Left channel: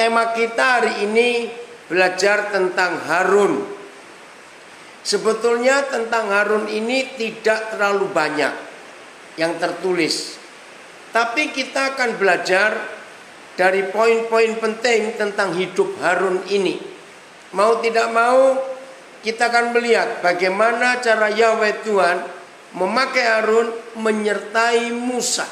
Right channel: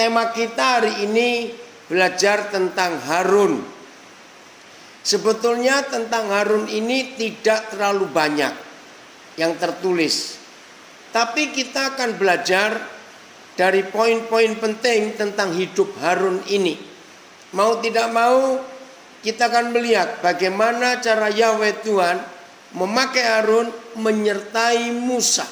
tema kita hari ini belajar tentang Harun. Sebetulnya tentang Harun ini tidak terlalu banyak yang tertulis. Tapi kita akan belajar dari poin-poin penting tentang hidup Harun ini. Mau tidak mau kita akan melihat bagaimana cara Yahweh Tuhan memakai Harun menyertai Musa.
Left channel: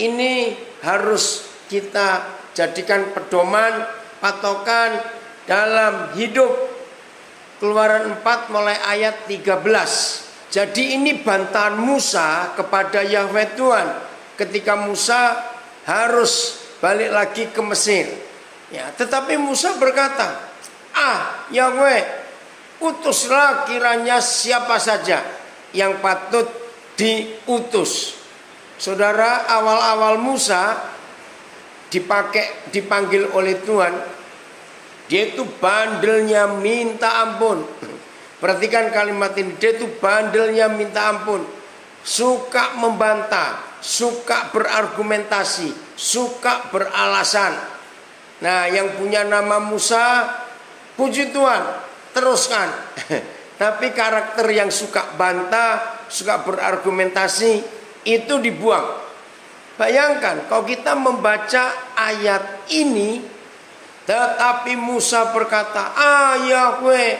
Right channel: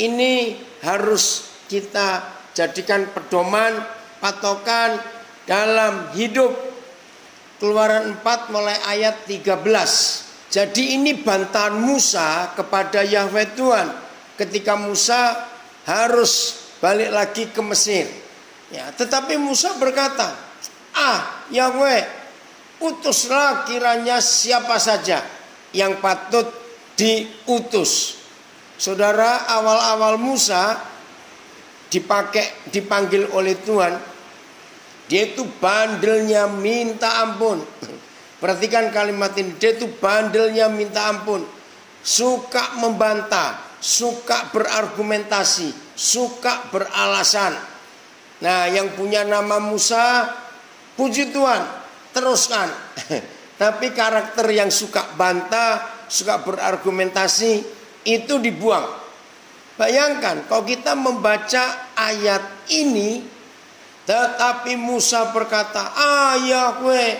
Ini harus kita jadikan pedoman, patokan dalam hidup. Keluaran 4 mulai ayat 13. Jadi ini bantahan Musa kepada Yahweh Tuhan ketika Musa harus balik lagi ke Mesir. Ya, tetapi Musa berkata, Yahweh, utuslah kiranya siapa saja yang patut diutus. Saudara, awal-awal Musa dipanggil oleh Tuhan, dia itu bandelnya minta ampun. Perhatikan kalimat ini, dia itu bandelnya minta ampun. Suka membantah, suka berargumentasi, suka beralasan. Nah, yang punya nama Musa, puji Tuhan, teruskan. Tapi karakter yang suka bantah, suka berargumentasi, itu dibuang. Bayangkan kalau kita membaca ayat ini, tetapi Musa berkata, Yahweh,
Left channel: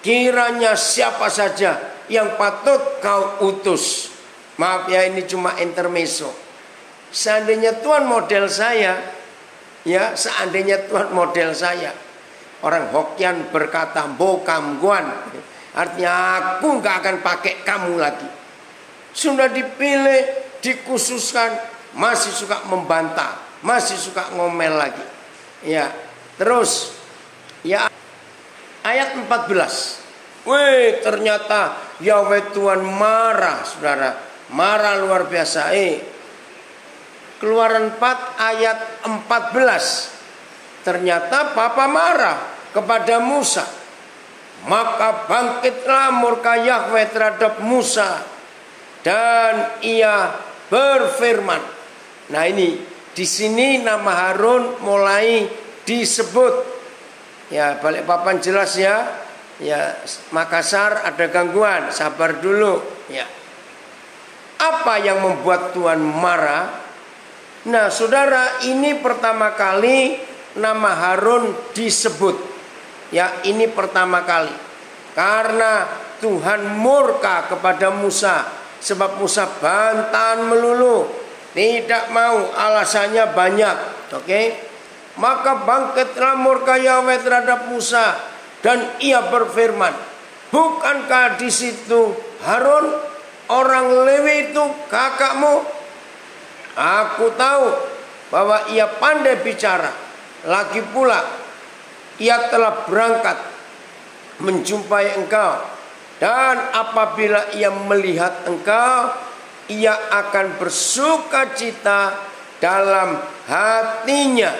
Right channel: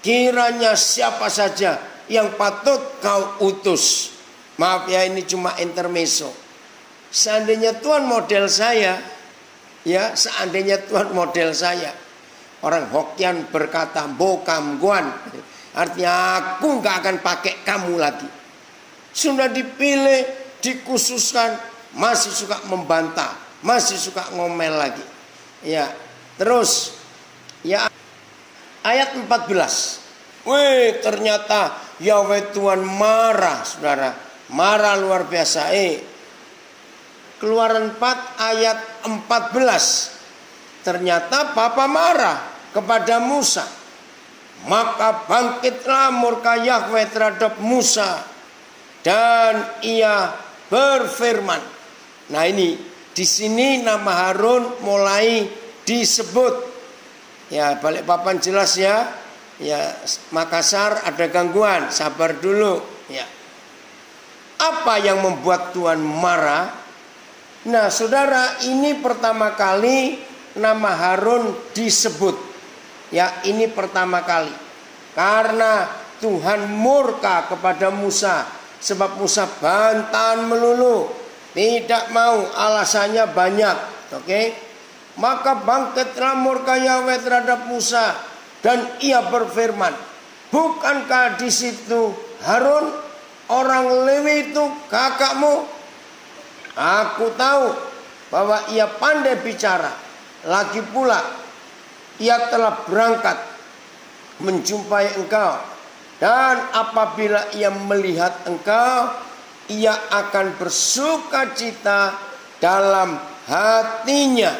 kiranya siapa saja yang patut kau utus. Maaf ya, ini cuma intermezzo. Seandainya Tuhan model saya, ya seandainya Tuhan model saya, orang Hokkien berkata bokam guan, artinya aku gak akan pakai kamu lagi. Sudah dipilih, dikhususkan, masih suka membantah, masih suka ngomel lagi. Ya, terus ya ayat 14. Wih, ternyata Yahweh Tuhan marah, saudara. Marah luar biasa. Keluaran 4 ayat 14. Ternyata Bapa marah kepada Musa. Maka bangkitlah murka Yahweh terhadap Musa, dan ia berfirman. Nah, ini di sini nama Harun mulai disebut. Ya, balik papan jelas ya. Ya, Makassar ada gangguan, sabar dulu. Ya. Apa yang membuat Tuhan marah? Nah, saudara, ini pertama kali nama Harun disebut. Ya, ini pertama kali. Karena Tuhan murka kepada Musa, sebab Musa bantahan melulu, tidak mau, alasannya banyak. Oke? Maka bangkitlah murka Yahweh terhadap Musa, dan ia berfirman, bukankah di situ Harun orang Lewi itu kakakmu? Aku tahu bahwa ia pandai bicara. Lagi pula ia telah berangkat menjumpai engkau, dan apabila ia melihat engkau, ia akan bersukacita dalam hatinya.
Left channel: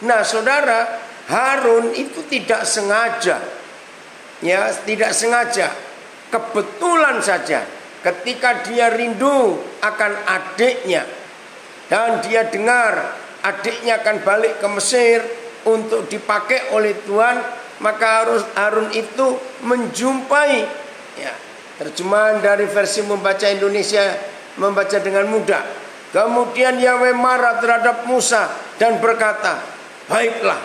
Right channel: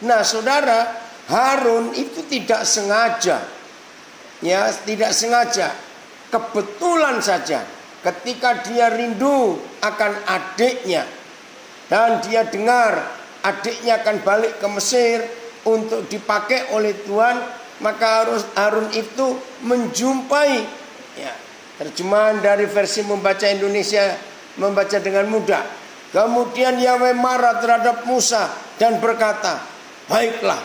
Nah, saudara, Harun itu tidak sengaja. Ya, tidak sengaja. Kebetulan saja ketika dia rindu akan adiknya, dan dia dengar adiknya akan balik ke Mesir untuk dipakai oleh Tuhan, maka Harun itu menjumpai. Ya, terjemahan dari versi membaca Indonesia membaca dengan mudah. Kemudian Yahweh marah terhadap Musa dan berkata, baiklah,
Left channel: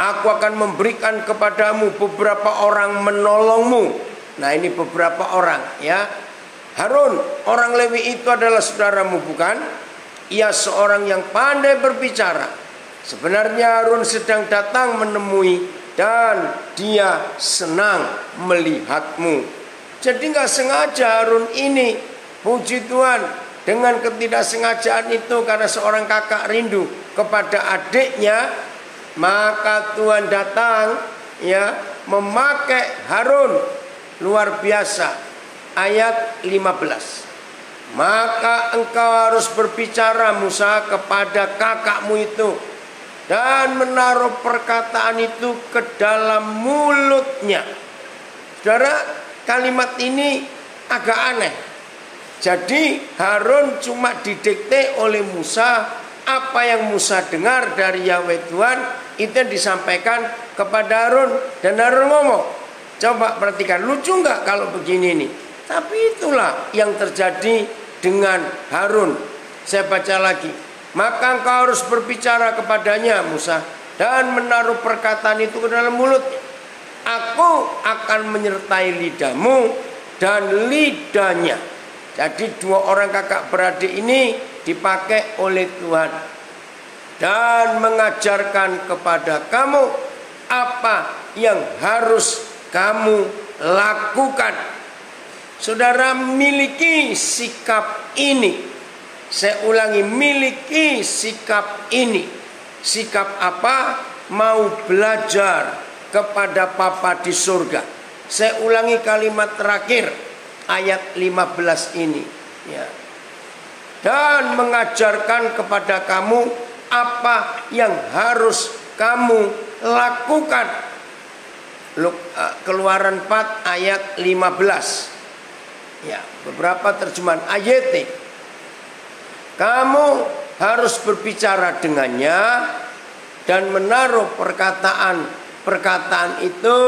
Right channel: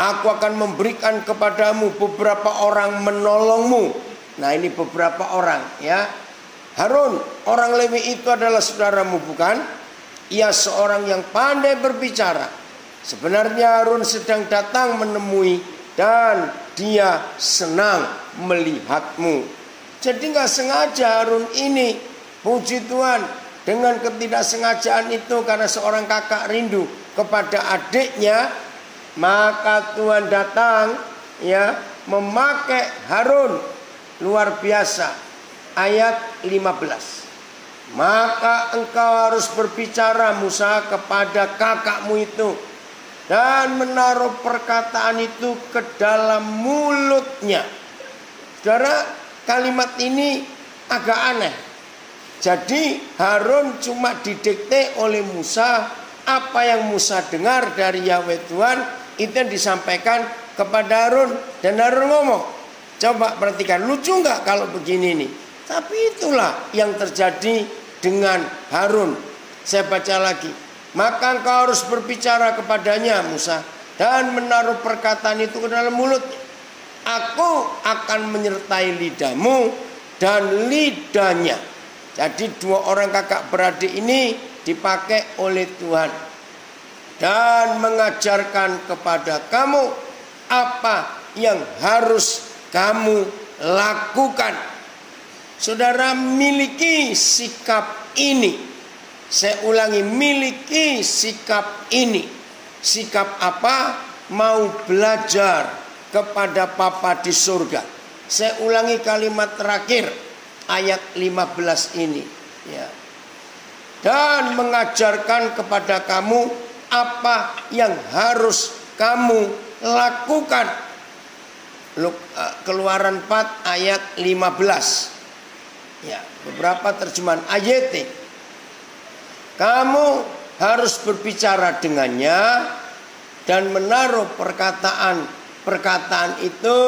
aku akan memberikan kepadamu beberapa orang menolongmu. Nah, ini beberapa orang, ya. Harun, orang Lewi itu adalah saudaramu, bukan? Ia seorang yang pandai berbicara. Sebenarnya Harun sedang datang menemui, dan dia senang melihatmu. Jadi gak sengaja Harun ini, puji Tuhan, dengan ketidaksengajaan itu karena seorang kakak rindu kepada adiknya, maka Tuhan datang, ya, memakai Harun. Luar biasa. Ayat 15. Maka engkau harus berbicara, Musa, kepada kakakmu itu, dan menaruh perkataan itu ke dalam mulutnya. Saudara, kalimat ini agak aneh. Jadi Harun cuma didikte oleh Musa apa yang Musa dengar dari Yahweh Tuhan, Itu yang disampaikan kepada Harun. Dan Harun ngomong, coba perhatikan, lucu nggak kalau begini nih? Tapi itulah yang terjadi dengan Harun. Saya baca lagi. Maka engkau harus berbicara kepadanya Musa, dan menaruh perkataan itu ke dalam mulutnya. Aku akan menyertai lidahmu dan lidahnya. Jadi dua orang kakak beradik ini dipakai oleh Tuhan. Dan mengajarkan kepada kamu apa yang harus kamu lakukan. Saudara, miliki sikap ini. Saya ulangi, miliki sikap ini. Sikap apa? Mau belajar kepada Papa di surga. Saya ulangi kalimat terakhir ayat 15 ini, ya. Dan mengajarkan kepada kamu apa yang harus kamu lakukan. Keluaran 4 ayat 15. Ya, beberapa terjemahan ayat. Kamu harus berbicara dengannya dan menaruh perkataan itu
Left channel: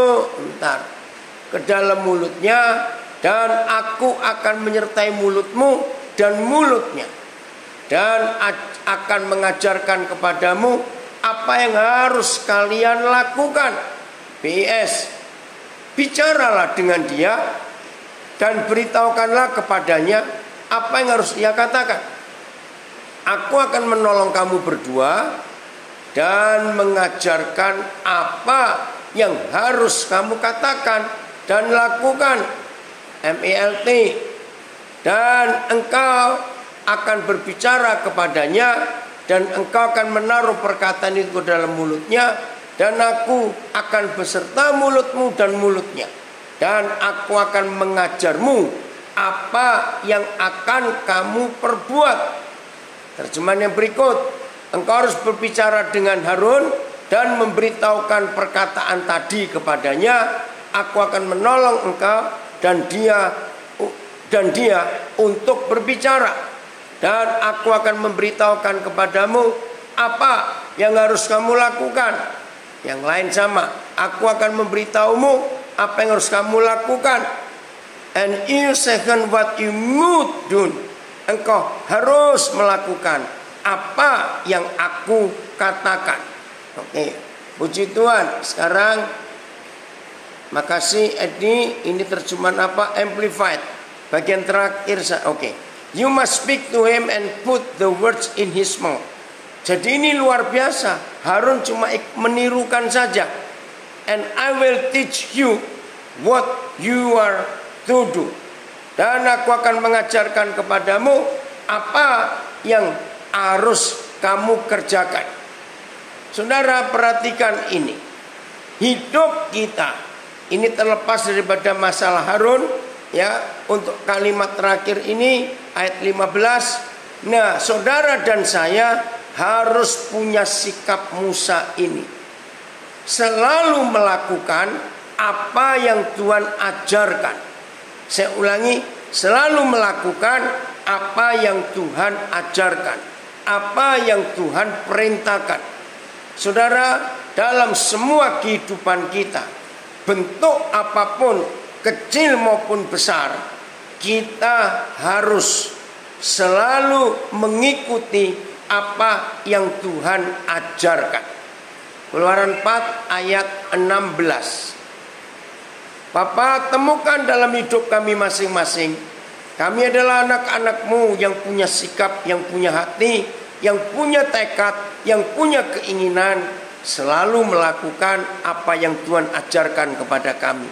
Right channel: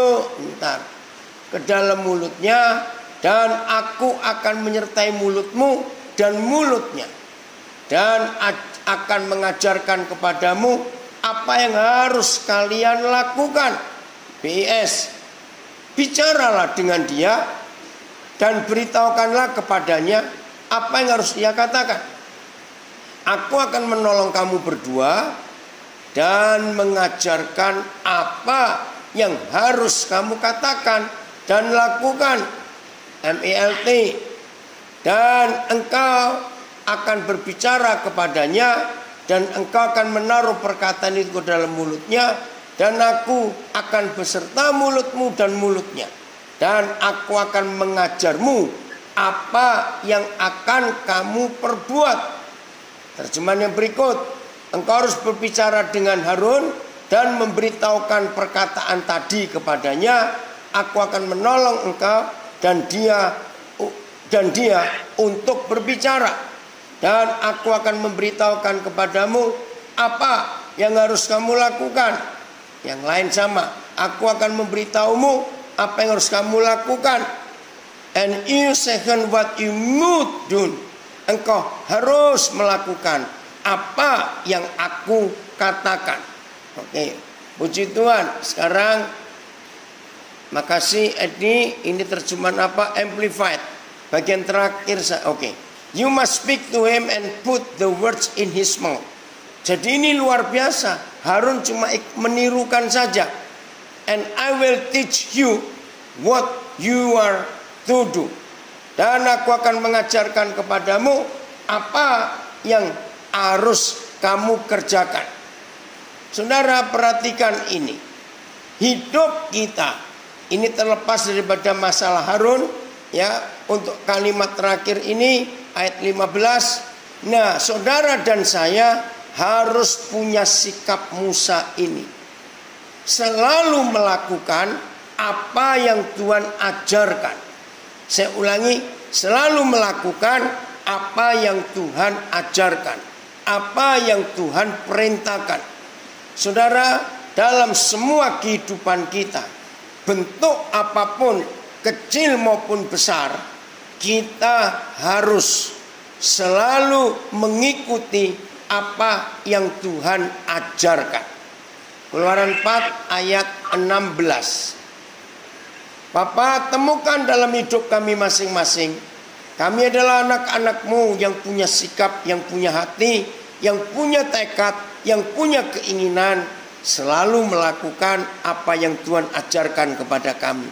ke dalam mulutnya, dan aku akan menyertai mulutmu dan mulutnya, dan akan mengajarkan kepadamu apa yang harus kalian lakukan. PS, bicaralah dengan dia dan beritahukanlah kepadanya apa yang harus dia katakan. Aku akan menolong kamu berdua dan mengajarkan apa yang harus kamu katakan dan lakukan. MELT. Dan engkau akan berbicara kepadanya, dan engkau akan menaruh perkataan itu ke dalam mulutnya, dan aku akan beserta mulutmu dan mulutnya, dan aku akan mengajarmu apa yang akan kamu perbuat. Terjemahan yang berikut, engkau harus berbicara dengan Harun dan memberitahukan perkataan tadi kepadanya. Aku akan menolong engkau dan dia untuk berbicara, dan aku akan memberitahukan kepadamu apa yang harus kamu lakukan. Yang lain sama, aku akan memberitahumu apa yang harus kamu lakukan. And you second what you must do. Engkau harus melakukan apa yang aku katakan. Oke, puji Tuhan. Sekarang, makasih Edi. Ini terjemahan apa? Amplified. Bagian terakhir. Oke. You must speak to him and put the words in his mouth. Jadi ini luar biasa. Harun cuma menirukan saja. And I will teach you what you are to do. Dan aku akan mengajarkan kepadamu apa yang harus kamu kerjakan. Saudara, perhatikan ini. Hidup kita ini terlepas daripada masalah Harun, ya. Untuk kalimat terakhir ini ayat 15. Nah, saudara dan saya harus punya sikap Musa ini. Selalu melakukan apa yang Tuhan ajarkan. Saya ulangi, selalu melakukan apa yang Tuhan ajarkan, apa yang Tuhan perintahkan. Saudara, dalam semua kehidupan kita, bentuk apapun, kecil maupun besar, kita harus selalu mengikuti apa yang Tuhan ajarkan. Keluaran 4 ayat 16. Bapa, temukan dalam hidup kami masing-masing. Kami adalah anak-anak-Mu yang punya sikap, yang punya hati, yang punya tekad, yang punya keinginan selalu melakukan apa yang Tuhan ajarkan kepada kami.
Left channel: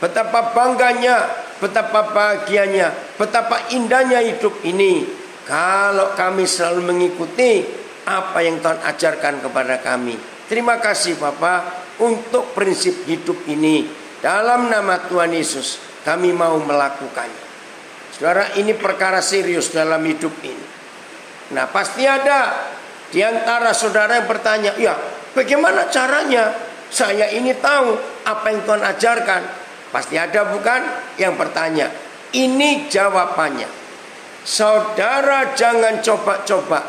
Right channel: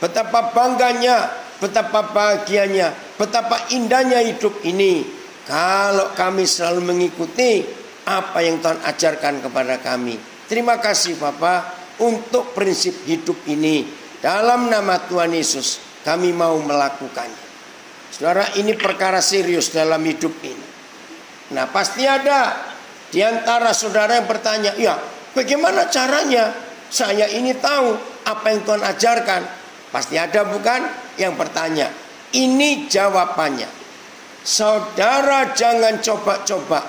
Betapa bangganya, betapa bahagianya, betapa indahnya hidup ini kalau kami selalu mengikuti apa yang Tuhan ajarkan kepada kami. Terima kasih Bapa untuk prinsip hidup ini. Dalam nama Tuhan Yesus kami mau melakukannya. Saudara, ini perkara serius dalam hidup ini. Nah, pasti ada di antara saudara yang bertanya, ya bagaimana caranya saya ini tahu apa yang Tuhan ajarkan? Pasti ada bukan yang bertanya. Ini jawabannya. Saudara jangan coba-coba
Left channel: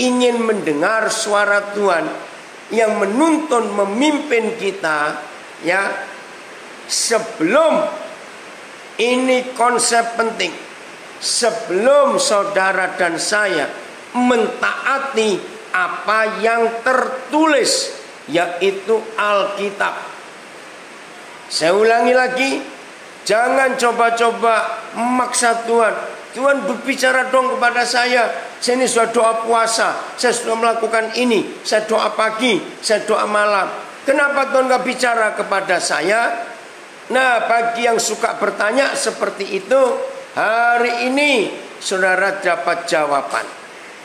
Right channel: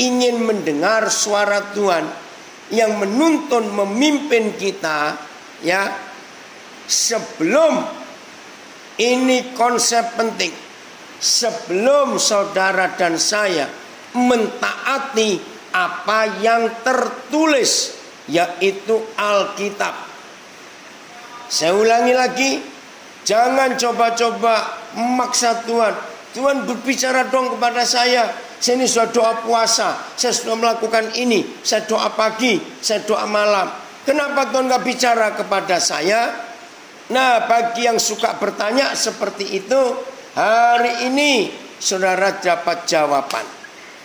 ingin mendengar suara Tuhan yang menuntun memimpin kita, ya. Sebelum ini konsep penting, sebelum saudara dan saya mentaati apa yang tertulis, yaitu Alkitab. Saya ulangi lagi, jangan coba-coba memaksa Tuhan. Tuhan berbicara dong kepada saya. Saya ini sudah doa puasa, saya sudah melakukan ini, saya doa pagi, saya doa malam. Kenapa Tuhan gak bicara kepada saya? Nah, bagi yang suka bertanya seperti itu, hari ini saudara dapat jawaban.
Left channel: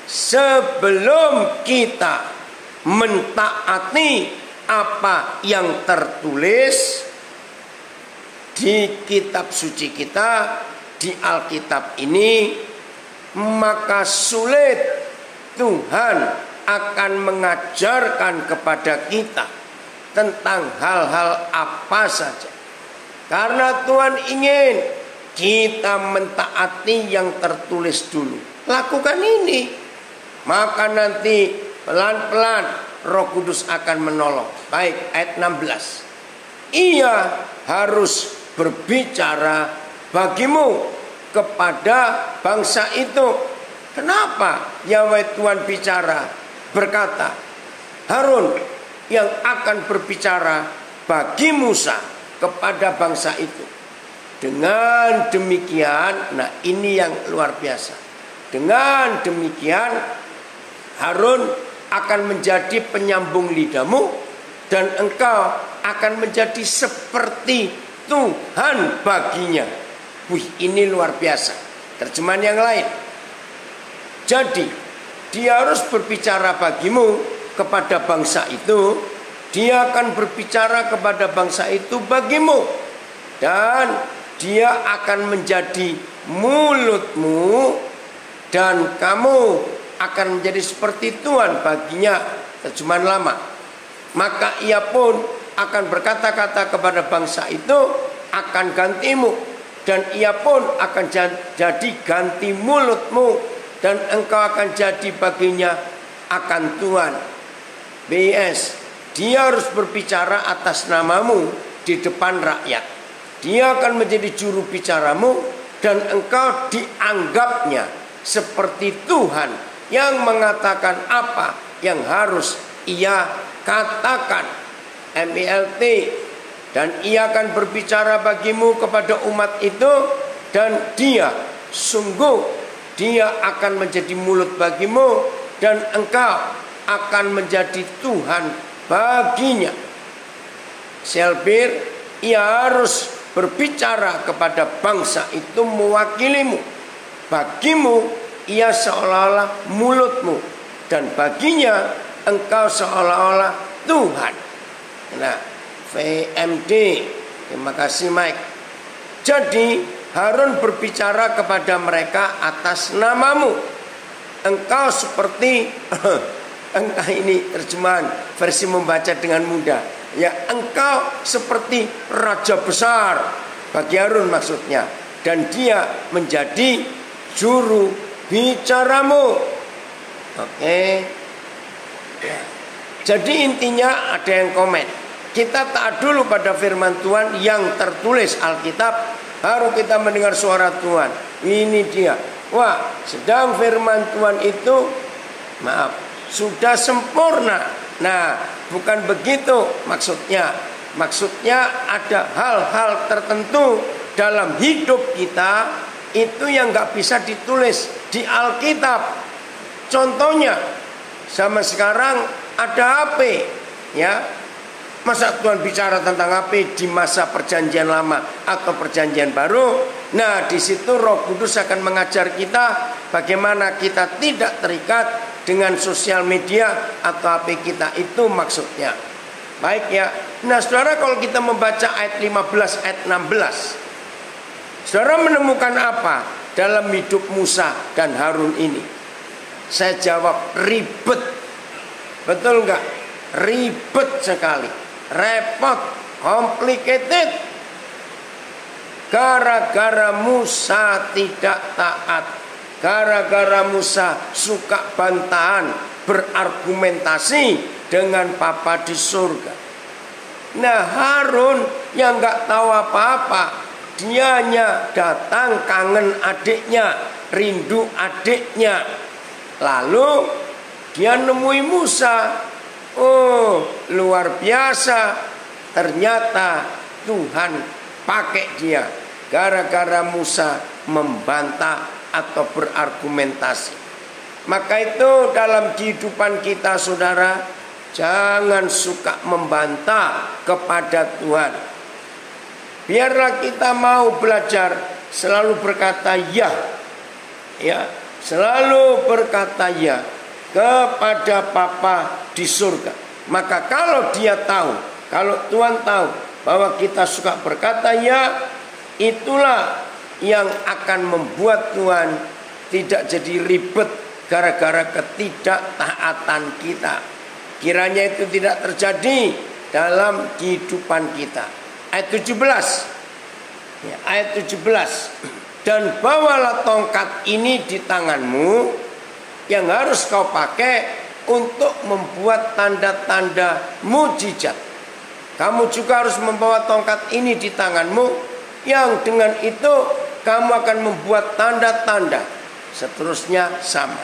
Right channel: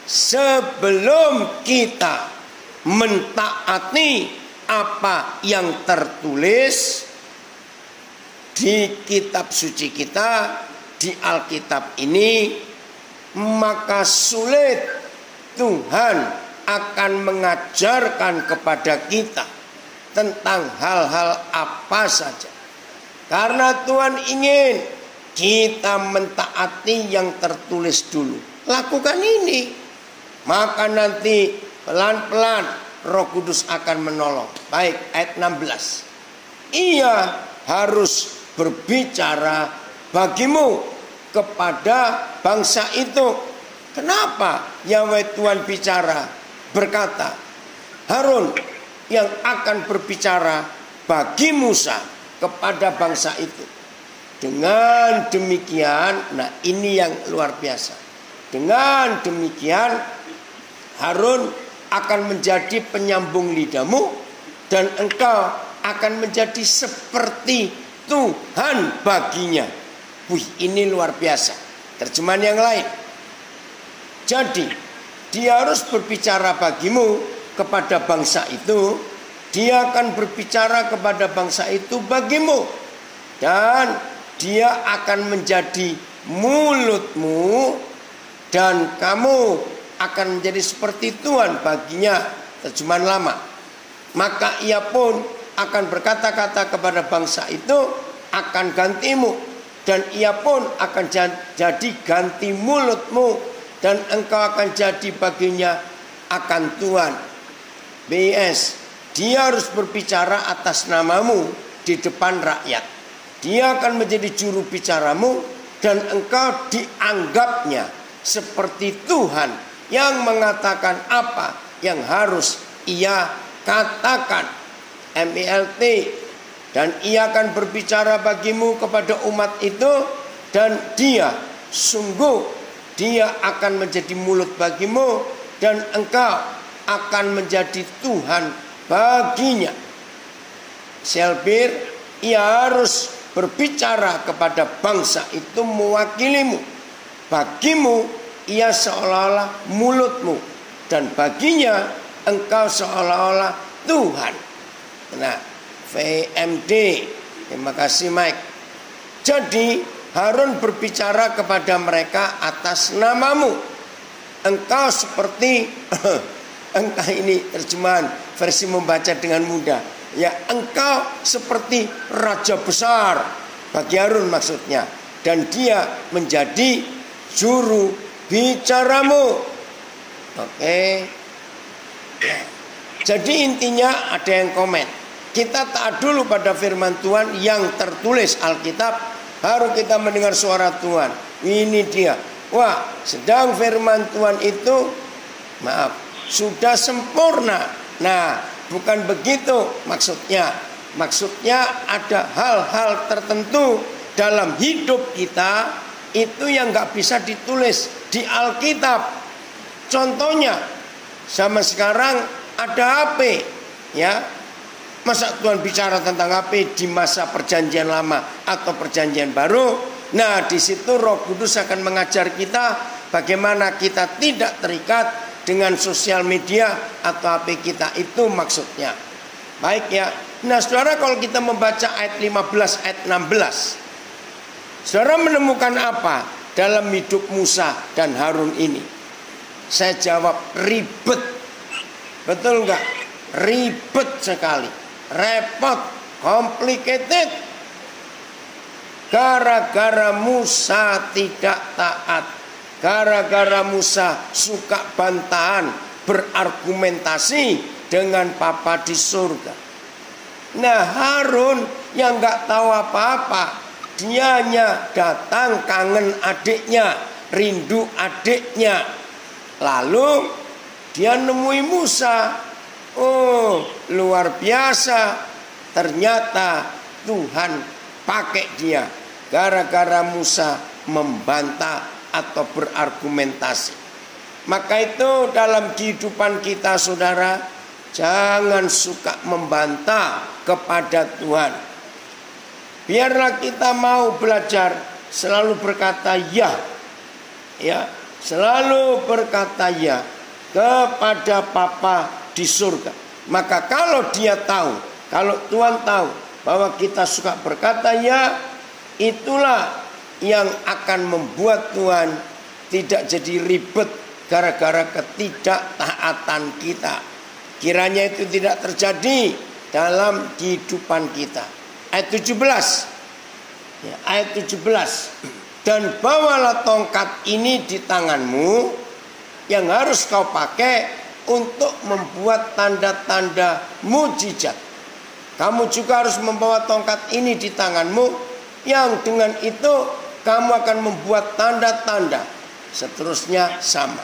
Sebelum kita mentaati apa yang tertulis di kitab suci kita, di Alkitab ini, maka sulit Tuhan akan mengajarkan kepada kita tentang hal-hal apa saja. Karena Tuhan ingin kita mentaati yang tertulis dulu. Lakukan ini, maka nanti pelan-pelan Roh Kudus akan menolong. Baik, ayat 16. Ia harus berbicara bagimu kepada bangsa itu. Kenapa Yahweh Tuhan bicara? Berkata, Harun yang akan berbicara bagi Musa kepada bangsa itu. Dengan demikian, nah ini yang luar biasa. Dengan demikian Harun akan menjadi penyambung lidahmu, dan engkau akan menjadi seperti Tuhan baginya. Wih, ini luar biasa. Terjemahan yang lain. Jadi dia harus berbicara bagimu kepada bangsa itu. Dia akan berbicara kepada bangsa itu bagimu. Dan dia akan menjadi mulutmu, dan kamu akan menjadi seperti Tuhan baginya. Terjemahan lama. Maka ia pun akan berkata-kata kepada bangsa itu, akan gantimu. Dan ia pun akan jadi ganti mulutmu, dan engkau akan jadi baginya akan Tuhan. BS, dia harus berbicara atas namamu di depan rakyat. Dia akan menjadi juru bicaramu, dan engkau dianggapnya seperti Tuhan yang mengatakan apa yang harus ia katakan. MELT. Dan ia akan berbicara bagimu kepada umat itu, dan dia akan menjadi mulut bagimu, dan engkau akan menjadi Tuhan baginya. Selbir, ia harus berbicara kepada bangsa itu mewakilimu. Bagimu ia seolah-olah mulutmu, dan baginya engkau seolah-olah Tuhan. Nah, VMD, terima kasih Mike. Jadi Harun berbicara kepada mereka atas namamu. Engkau seperti engkau, ini terjemahan versi membaca dengan mudah. Ya, engkau seperti raja besar bagi Harun maksudnya. Dan dia menjadi juru bicaramu. Oke. Ya. Jadi intinya ada yang komen. Kita taat dulu pada firman Tuhan yang tertulis Alkitab, baru kita mendengar suara Tuhan. Ini dia. Wah, sedang firman Tuhan itu, maaf, sudah sempurna. Nah, bukan begitu maksudnya. Maksudnya ada hal-hal tertentu dalam hidup kita itu yang gak bisa ditulis di Alkitab. Contohnya, sama sekarang ada HP, ya. Masa Tuhan bicara tentang HP di masa perjanjian lama atau perjanjian baru? Nah, di situ Roh Kudus akan mengajar kita bagaimana kita tidak terikat dengan sosial media atau HP kita, itu maksudnya. Baik ya. Nah, saudara, kalau kita membaca ayat 15, ayat 16, saudara menemukan apa dalam hidup Musa dan Harun ini? Saya jawab, ribet. Betul enggak? Ribet sekali. Repot, complicated. Gara-gara Musa tidak taat, gara-gara Musa suka bantahan, berargumentasi, dengan Papa di surga. Nah, Harun yang nggak tahu apa-apa, dianya datang kangen adiknya, rindu adiknya. Lalu dia nemui Musa. Oh, luar biasa. Ternyata Tuhan pakai dia gara-gara Musa membantah atau berargumentasi. Maka itu dalam kehidupan kita, saudara, jangan suka membantah kepada Tuhan. Biarlah kita mau belajar selalu berkata ya, selalu berkata ya kepada Bapa di surga. Maka kalau dia tahu, kalau Tuhan tahu bahwa kita suka berkata ya, itulah yang akan membuat Tuhan tidak jadi ribet gara-gara ketidaktaatan kita. Kiranya itu tidak terjadi dalam kehidupan kita. Ayat 17. Ayat 17. Dan bawalah tongkat ini di tanganmu yang harus kau pakai untuk membuat tanda-tanda mujizat. Kamu juga harus membawa tongkat ini di tanganmu, yang dengan itu kamu akan membuat tanda-tanda. Seterusnya sama.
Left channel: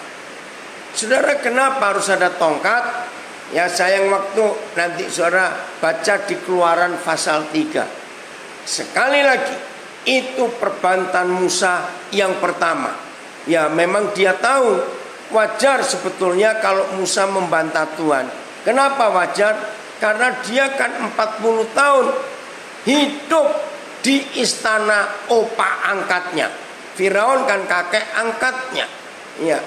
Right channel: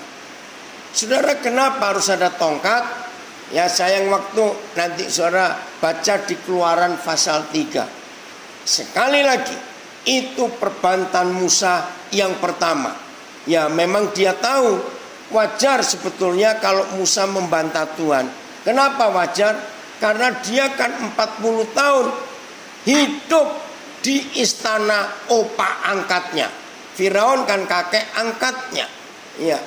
Saudara, kenapa harus ada tongkat? Ya, sayang waktu, nanti saudara baca di Keluaran pasal 3. Sekali lagi, itu perbantahan Musa yang pertama. Ya, memang dia tahu wajar sebetulnya kalau Musa membantah Tuhan. Kenapa wajar? Karena dia kan 40 tahun hidup di istana opa angkatnya. Firaun kan kakek angkatnya. Ya.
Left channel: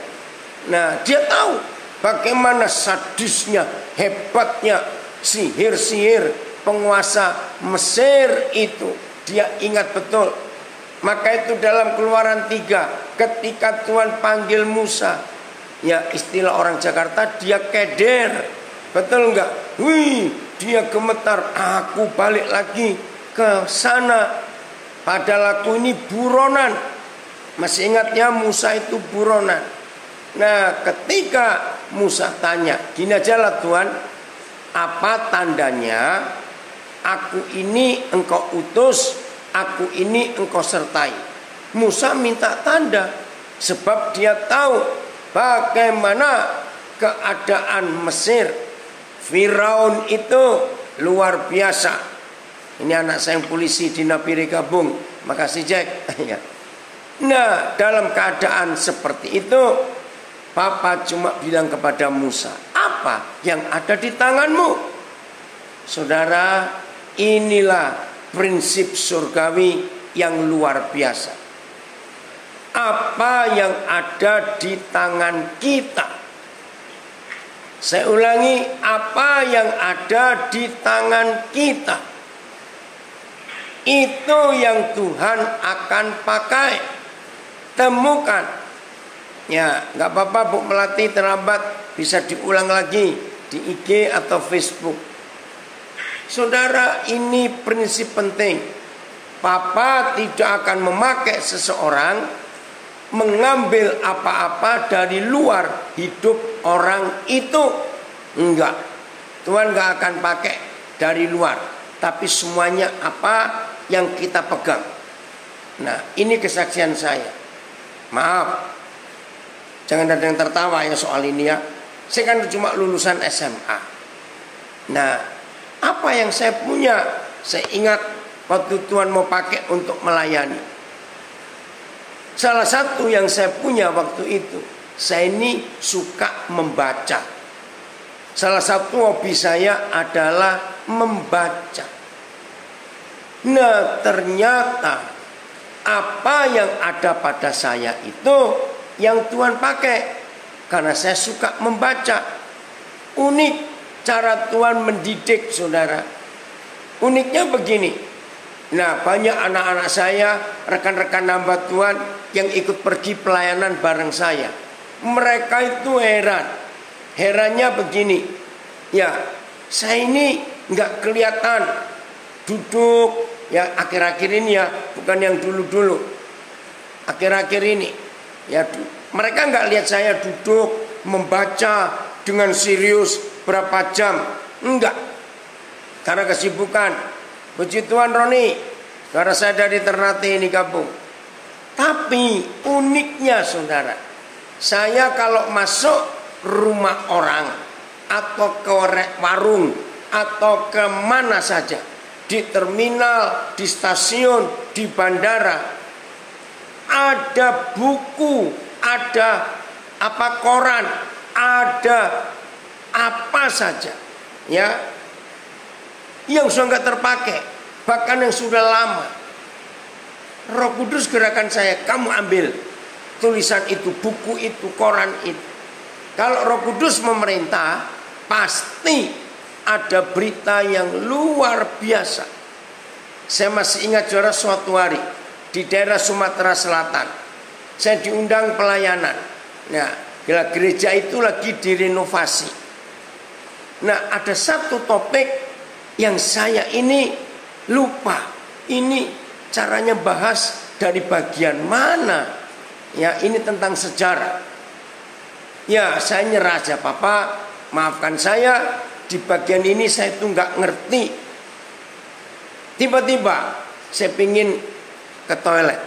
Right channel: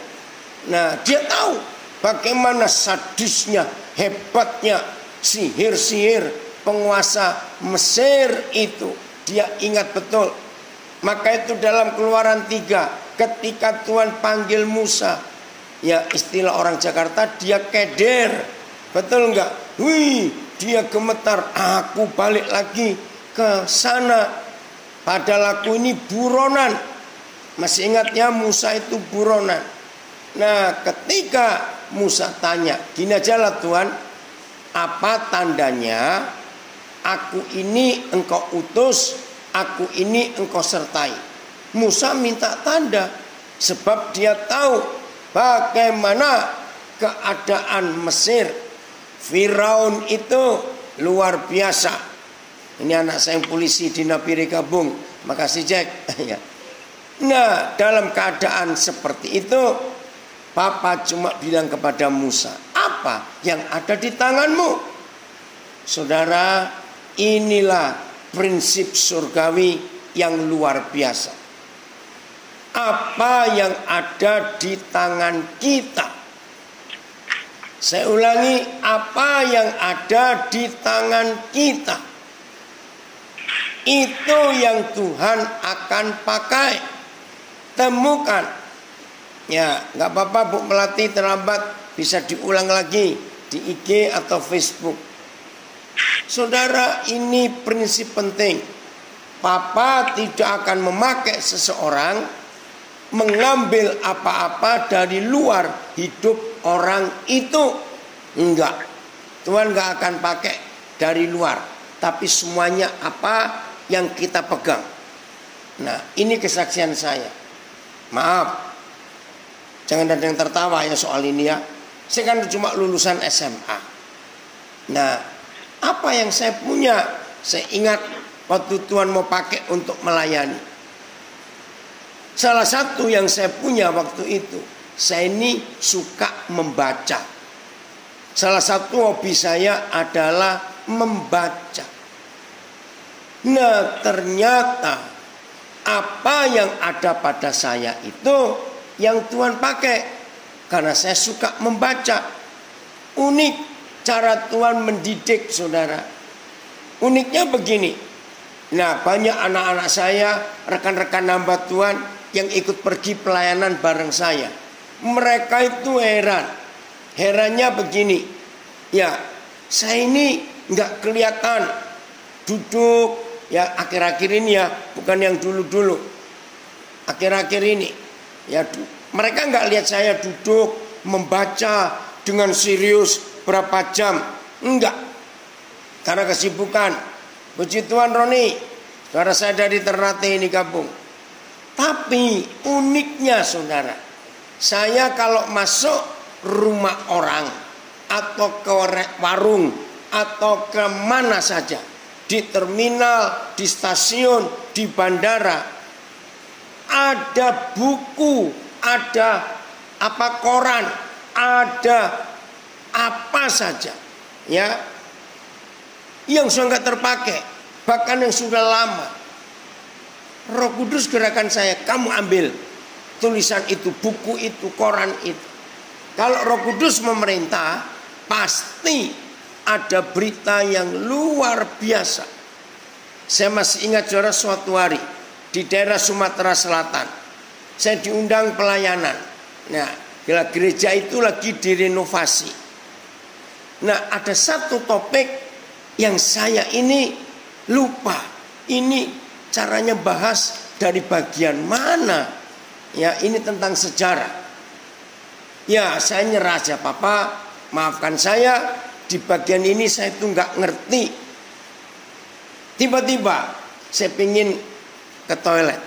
Nah, dia tahu bagaimana sadisnya, hebatnya sihir-sihir penguasa Mesir itu. Dia ingat betul. Maka itu dalam Keluaran 3, ketika Tuhan panggil Musa, ya istilah orang Jakarta, dia keder. Betul enggak? Wih, dia gemetar. Aku balik lagi ke sana. Padahal aku ini buronan. Masih ingat ya, Musa itu buronan. Nah, ketika Musa tanya, gini aja lah Tuhan, apa tandanya aku ini engkau utus, aku ini engkau sertai? Musa minta tanda, sebab dia tahu bagaimana keadaan Mesir. Firaun itu luar biasa. Ini anak saya yang polisi di Nabire Gabung. Makasih Jack. Nah, dalam keadaan seperti itu, Papa cuma bilang kepada Musa, apa yang ada di tanganmu? Saudara, inilah prinsip surgawi yang luar biasa. Apa yang ada di tangan kita? Saya ulangi, apa yang ada di tangan kita, itu yang Tuhan akan pakai. Temukan. Ya, nggak apa-apa Bu Melati, terlambat, bisa diulang lagi di IG atau Facebook. Saudara, ini prinsip penting. Papa tidak akan memakai seseorang mengambil apa-apa dari luar hidup orang itu. Enggak. Tuhan enggak akan pakai dari luar, tapi semuanya apa yang kita pegang. Nah, ini kesaksian saya. Maaf, jangan ada yang tertawa ya soal ini ya. Saya kan cuma lulusan SMA. Nah, apa yang saya punya, saya ingat waktu Tuhan mau pakai untuk melayani. Salah satu yang saya punya waktu itu, saya ini suka membaca. Salah satu hobi saya adalah membaca. Nah, ternyata apa yang ada pada saya itu yang Tuhan pakai, karena saya suka membaca. Unik cara Tuhan mendidik, saudara. Uniknya begini. Nah, banyak anak-anak saya, rekan-rekan hamba Tuhan yang ikut pergi pelayanan bareng saya. Mereka itu heran. Herannya begini. Ya, saya ini nggak kelihatan duduk. Ya, akhir-akhir ini ya, bukan yang dulu-dulu. Akhir-akhir ini. Ya, mereka nggak lihat saya duduk membaca dengan serius berapa jam. Enggak. Karena kesibukan. Puji Tuhan Roni, saudara saya dari Ternate ini kampung. Tapi uniknya saudara, saya kalau masuk rumah orang atau ke warung atau ke mana saja, di terminal, di stasiun, di bandara, ada buku, ada koran, ada apa saja ya yang sudah nggak terpakai, bahkan yang sudah lama. Roh Kudus gerakan saya, kamu ambil tulisan itu, buku itu, koran itu. Kalau Roh Kudus memerintah, pasti ada berita yang luar biasa. Saya masih ingat saudara, suatu hari di daerah Sumatera Selatan, saya diundang pelayanan. Nah, gereja itu lagi direnovasi. Nah, ada satu topik yang saya ini lupa. Ini caranya bahas dari bagian mana? Ya, ini tentang sejarah. Ya, saya nyerah aja, Papa. Maafkan saya, di bagian ini saya tuh nggak ngerti. Tiba-tiba saya pingin ke toilet.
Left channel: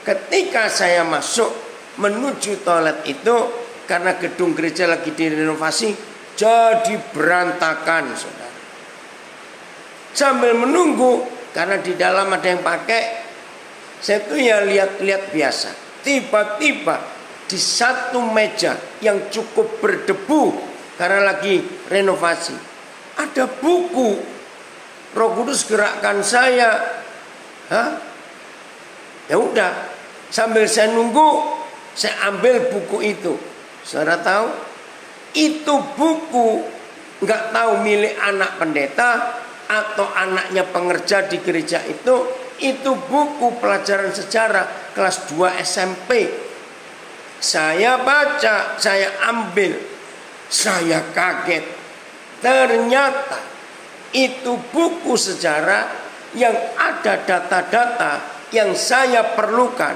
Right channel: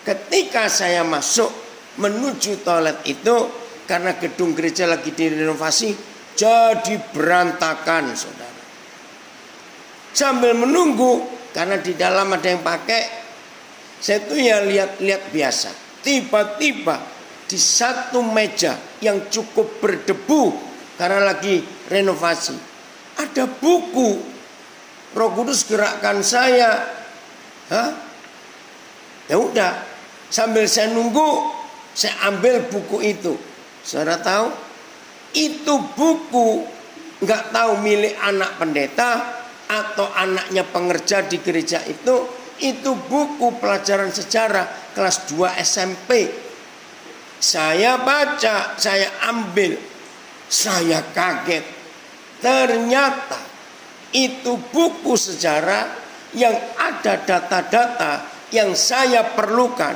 Ketika saya masuk menuju toilet itu, karena gedung gereja lagi direnovasi, jadi berantakan, saudara. Sambil menunggu, karena di dalam ada yang pakai, saya tuh ya lihat-lihat biasa. Tiba-tiba di satu meja yang cukup berdebu karena lagi renovasi, ada buku. Roh Kudus gerakkan saya. Ya udah, sambil saya nunggu, saya ambil buku itu. Saudara tahu, itu buku nggak tahu milik anak pendeta atau anaknya pengerja di gereja itu buku pelajaran sejarah kelas 2 SMP. Saya baca, saya ambil, saya kaget. Ternyata itu buku sejarah yang ada data-data yang saya perlukan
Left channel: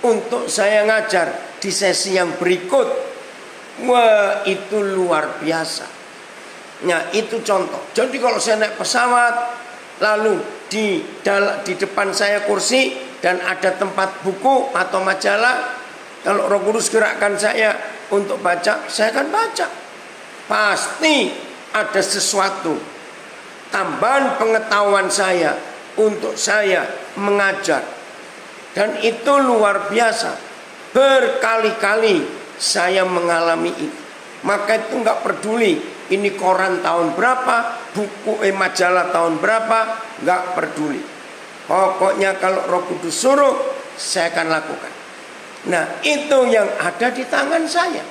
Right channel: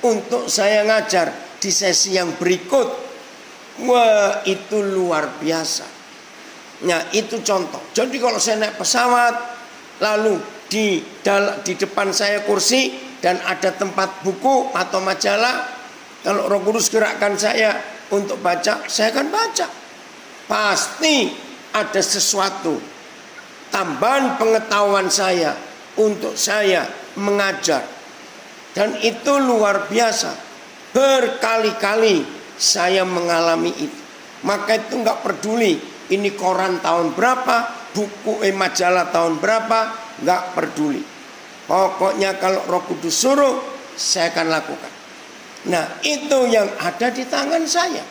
untuk saya ngajar di sesi yang berikut. Wah, itu luar biasa. Nah, itu contoh. Jadi kalau saya naik pesawat, lalu di depan saya kursi dan ada tempat buku atau majalah, kalau Roh Kudus gerakkan saya untuk baca, saya akan baca. Pasti ada sesuatu tambahan pengetahuan saya untuk saya mengajar. Dan itu luar biasa. Berkali-kali saya mengalami itu. Maka itu nggak peduli ini koran tahun berapa, buku majalah tahun berapa, nggak peduli. Pokoknya kalau Roh Kudus suruh, saya akan lakukan. Nah, itu yang ada di tangan saya.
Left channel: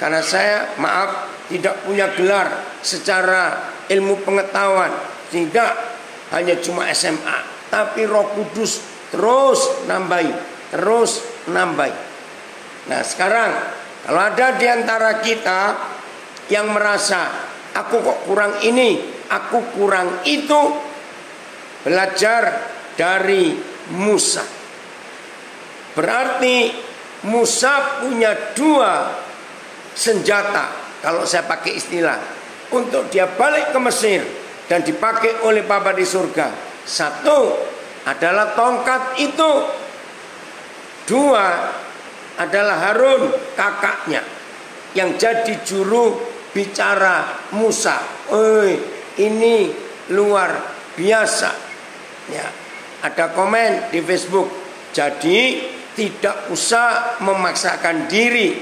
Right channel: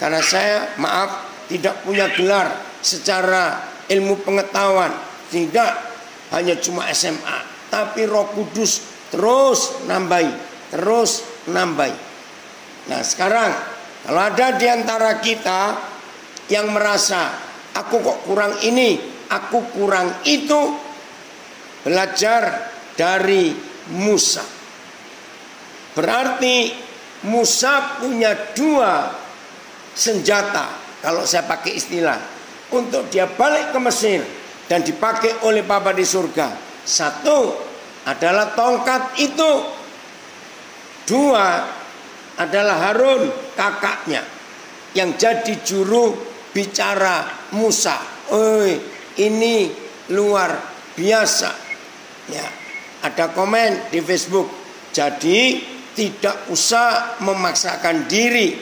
Karena saya, maaf, tidak punya gelar secara ilmu pengetahuan. Tidak, hanya cuma SMA. Tapi Roh Kudus terus nambahi, terus nambahi. Nah, sekarang kalau ada di antara kita yang merasa aku kok kurang ini, aku kurang itu, belajar dari Musa. Berarti Musa punya 2 senjata, kalau saya pakai istilah, untuk dia balik ke Mesir dan dipakai oleh Bapa di surga. 1 adalah tongkat itu. 2 adalah Harun, kakaknya, yang jadi juru bicara Musa. Ini luar biasa. Ya, ada komen di Facebook. Jadi tidak usah memaksakan diri.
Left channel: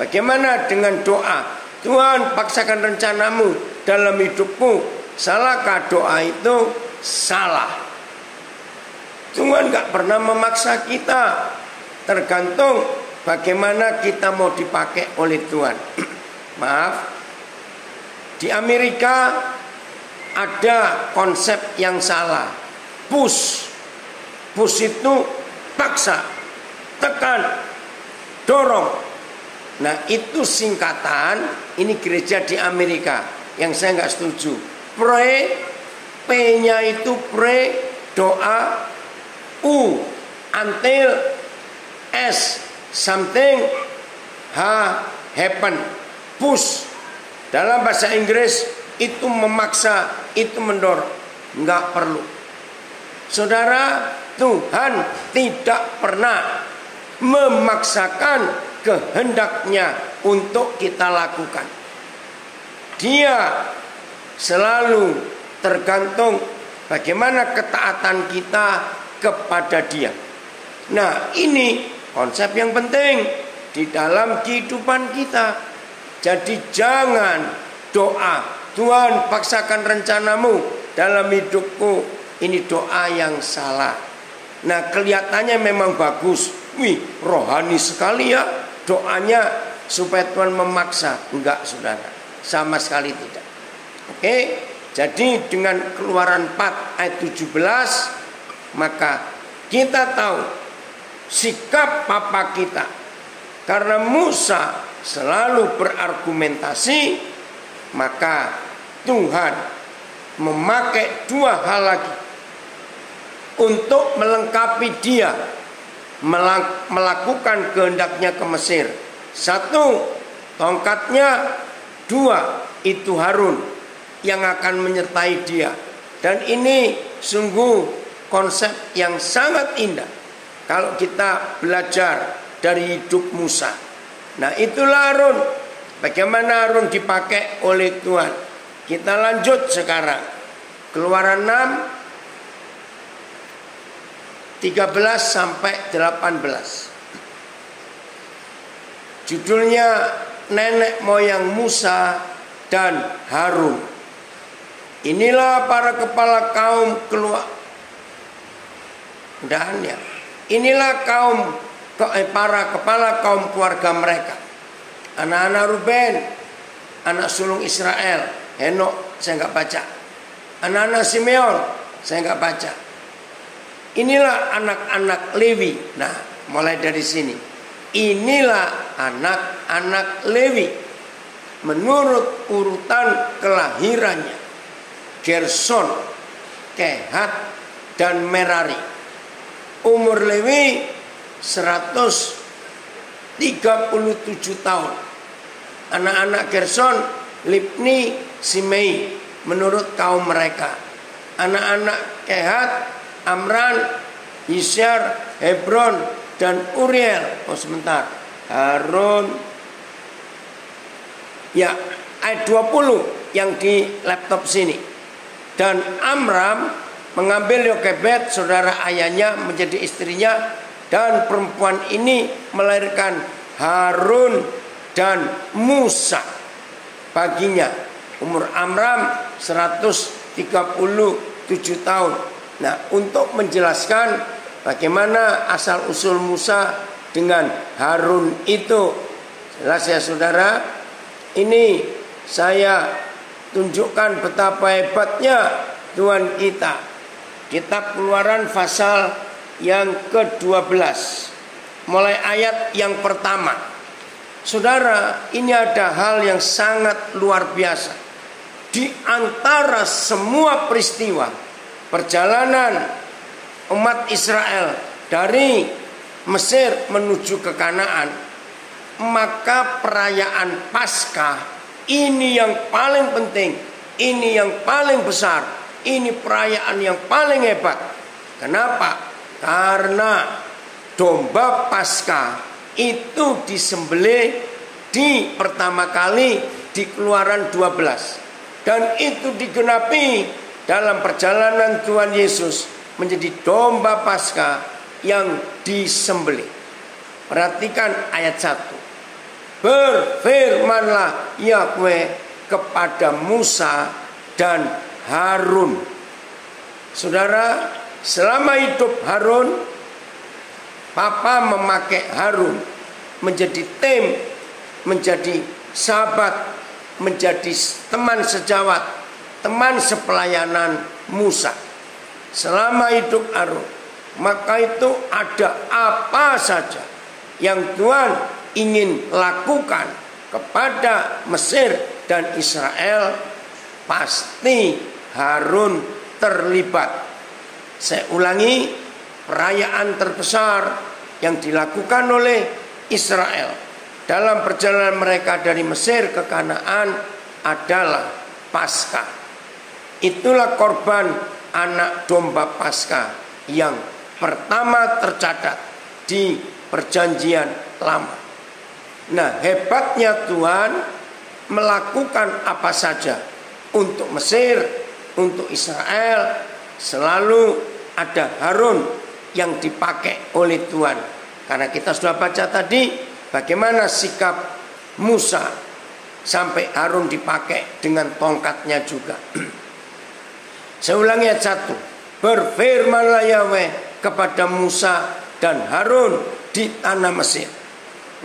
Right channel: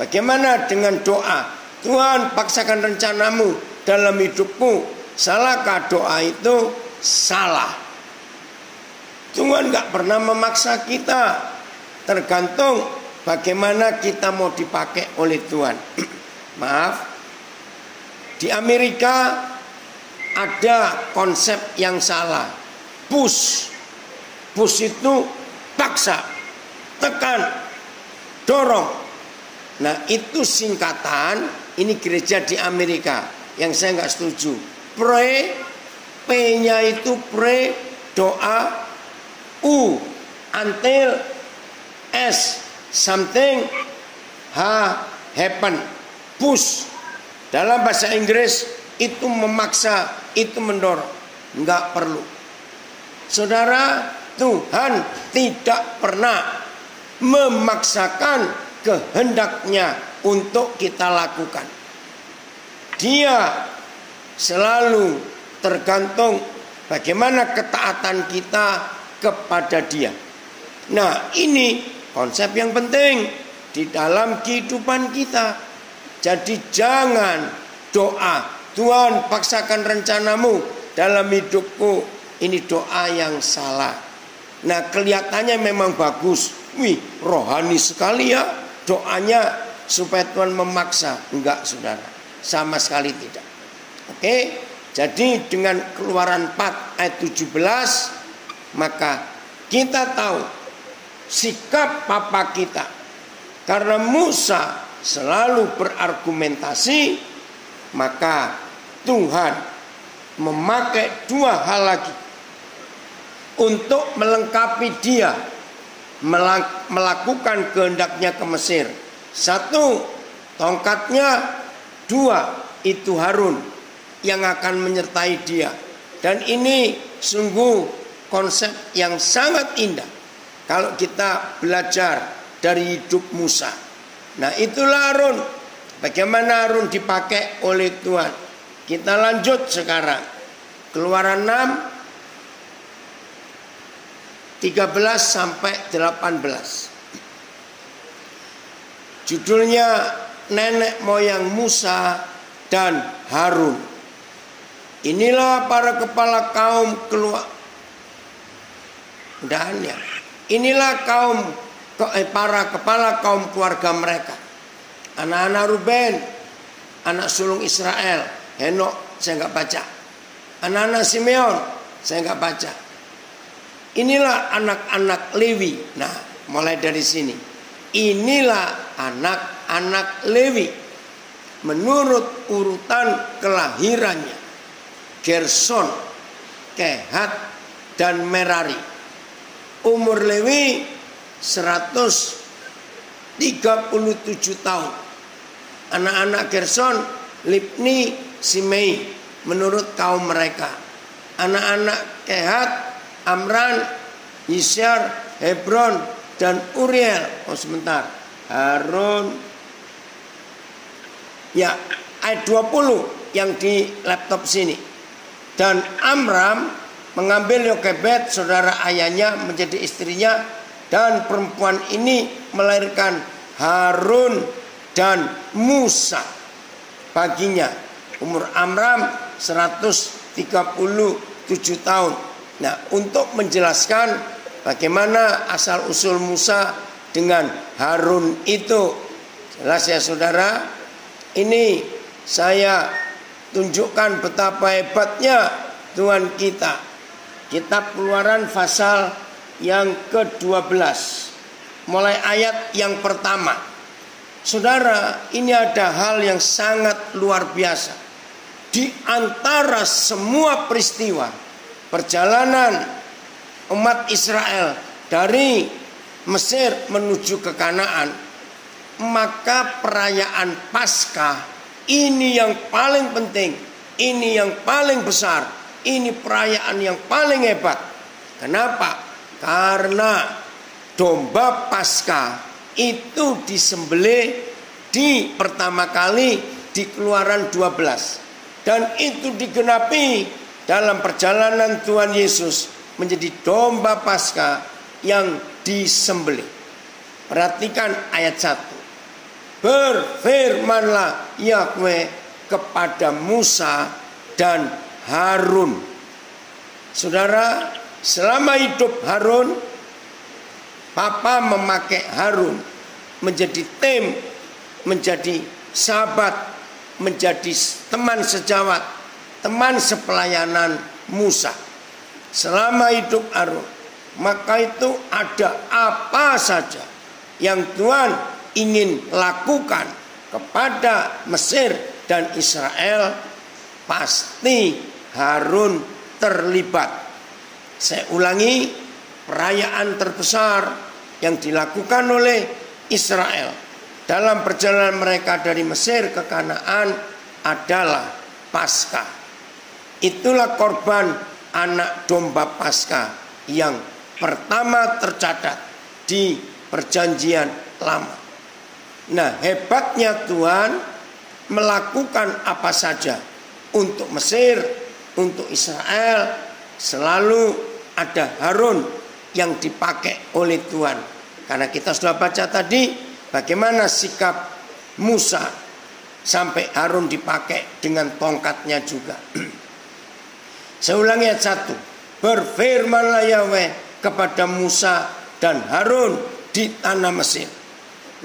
Bagaimana dengan doa? Tuhan, paksakan rencanamu dalam hidupku. Salahkah doa itu? Salah. Tuhan gak pernah memaksa kita. Tergantung bagaimana kita mau dipakai oleh Tuhan. Maaf, di Amerika ada konsep yang salah. Push itu paksa, tekan, dorong. Nah, itu singkatan. Ini gereja di Amerika yang saya nggak setuju. Pray, P-nya itu pray, doa. U, until, S, something, happen. Push. Dalam bahasa Inggris itu memaksa, itu mendorong. Enggak perlu. Saudara, Tuhan tidak pernah memaksakan kehendaknya untuk kita lakukan. Dia selalu tergantung bagaimana ketaatan kita kepada Dia. Nah, ini konsep yang penting di dalam kehidupan kita. Jadi jangan doa, Tuhan paksakan rencanamu dalam hidupku. Ini doa yang salah. Nah, kelihatannya memang bagus. Wih, rohani sekali ya doanya supaya Tuhan memaksa. Enggak, saudara, sama sekali tidak. Oke, jadi dengan Keluaran 4 ayat 17, maka kita tahu sikap papa kita. Karena Musa selalu berargumentasi, maka Tuhan memakai dua hal lagi untuk melengkapi dia melakukan kehendaknya ke Mesir. Satu, tongkatnya. Dua, itu Harun yang akan menyertai dia. Dan ini sungguh konsep yang sangat indah kalau kita belajar dari hidup Musa. Nah, itulah Harun. Bagaimana Harun dipakai oleh Tuhan. Kita lanjut sekarang. Keluaran 6 13 sampai 18. Judulnya nenek moyang Musa dan Harun. Inilah para kepala kaum Inilah para kepala kaum keluarga mereka. Anak-anak Ruben, anak sulung Israel. Henok saya enggak baca. Anak-anak Simeon saya enggak baca. Inilah anak-anak Lewi. Nah, mulai dari sini. Inilah anak-anak Lewi menurut urutan kelahirannya. Gerson, Kehat, dan Merari. Umur Lewi 137 tahun. Anak-anak Gerson, Libni, Simei menurut kaum mereka. Anak-anak Kehat, Amran, Yisyar, Hebron, dan Uriel. Oh sebentar, Harun. Ya, ayat 20 yang di laptop sini. Dan Amram mengambil Yokebed, saudara ayahnya, menjadi istrinya. Dan perempuan ini melahirkan Harun dan Musa baginya. Umur Amram 137 tahun. Nah, untuk menjelaskan bagaimana asal-usul Musa dengan Harun itu. Jelas ya saudara. Ini saya tunjukkan betapa hebatnya Tuhan kita. Kitab Keluaran pasal yang ke-12. Mulai ayat yang pertama. Saudara, ini ada hal yang sangat luar biasa. Di antara semua peristiwa perjalanan umat Israel dari Mesir menuju ke Kanaan, maka perayaan Paskah ini yang paling penting, ini yang paling besar, ini perayaan yang paling hebat. Kenapa? Karena domba Paskah itu disembelih di pertama kali di Keluaran 12, dan itu digenapi dalam perjalanan Tuhan Yesus menjadi domba Paskah yang disembelih. Perhatikan ayat 1. Berfirmanlah Yahweh kepada Musa dan Harun. Saudara, selama hidup Harun, Papa memakai Harun menjadi tim, menjadi sahabat, menjadi teman sejawat, teman sepelayanan Musa. Selama hidup Harun, maka itu ada apa saja yang Tuhan ingin lakukan kepada Mesir dan Israel, pasti Harun terlibat. Saya ulangi, perayaan terbesar yang dilakukan oleh Israel dalam perjalanan mereka dari Mesir ke Kanaan adalah Paskah. Itulah korban anak domba Paskah yang pertama tercatat di Perjanjian Lama. Nah, hebatnya Tuhan melakukan apa saja untuk Mesir, untuk Israel, selalu ada Harun yang dipakai oleh Tuhan. Karena kita sudah baca tadi bagaimana sikap Musa sampai Harun dipakai dengan tongkatnya juga. Saya ulangi ayat 1. Berfirmanlah Yahweh kepada Musa dan Harun di tanah Mesir.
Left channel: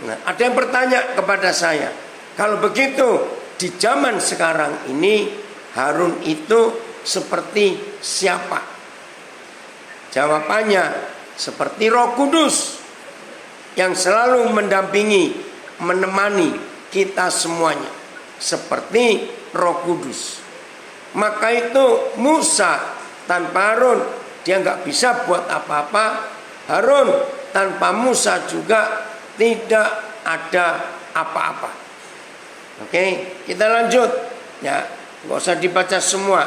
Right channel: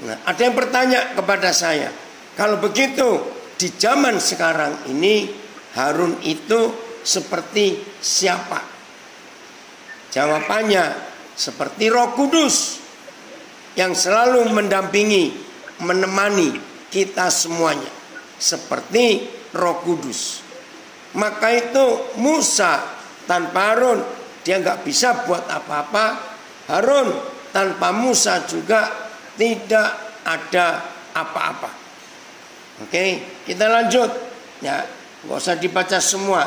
Nah, ada yang bertanya kepada saya, kalau begitu di zaman sekarang ini Harun itu seperti siapa? Jawabannya seperti Roh Kudus yang selalu mendampingi, menemani kita semuanya, seperti Roh Kudus. Maka itu Musa tanpa Harun dia nggak bisa buat apa-apa. Harun tanpa Musa juga tidak ada apa-apa. Oke, kita lanjut ya, nggak usah dibaca semua.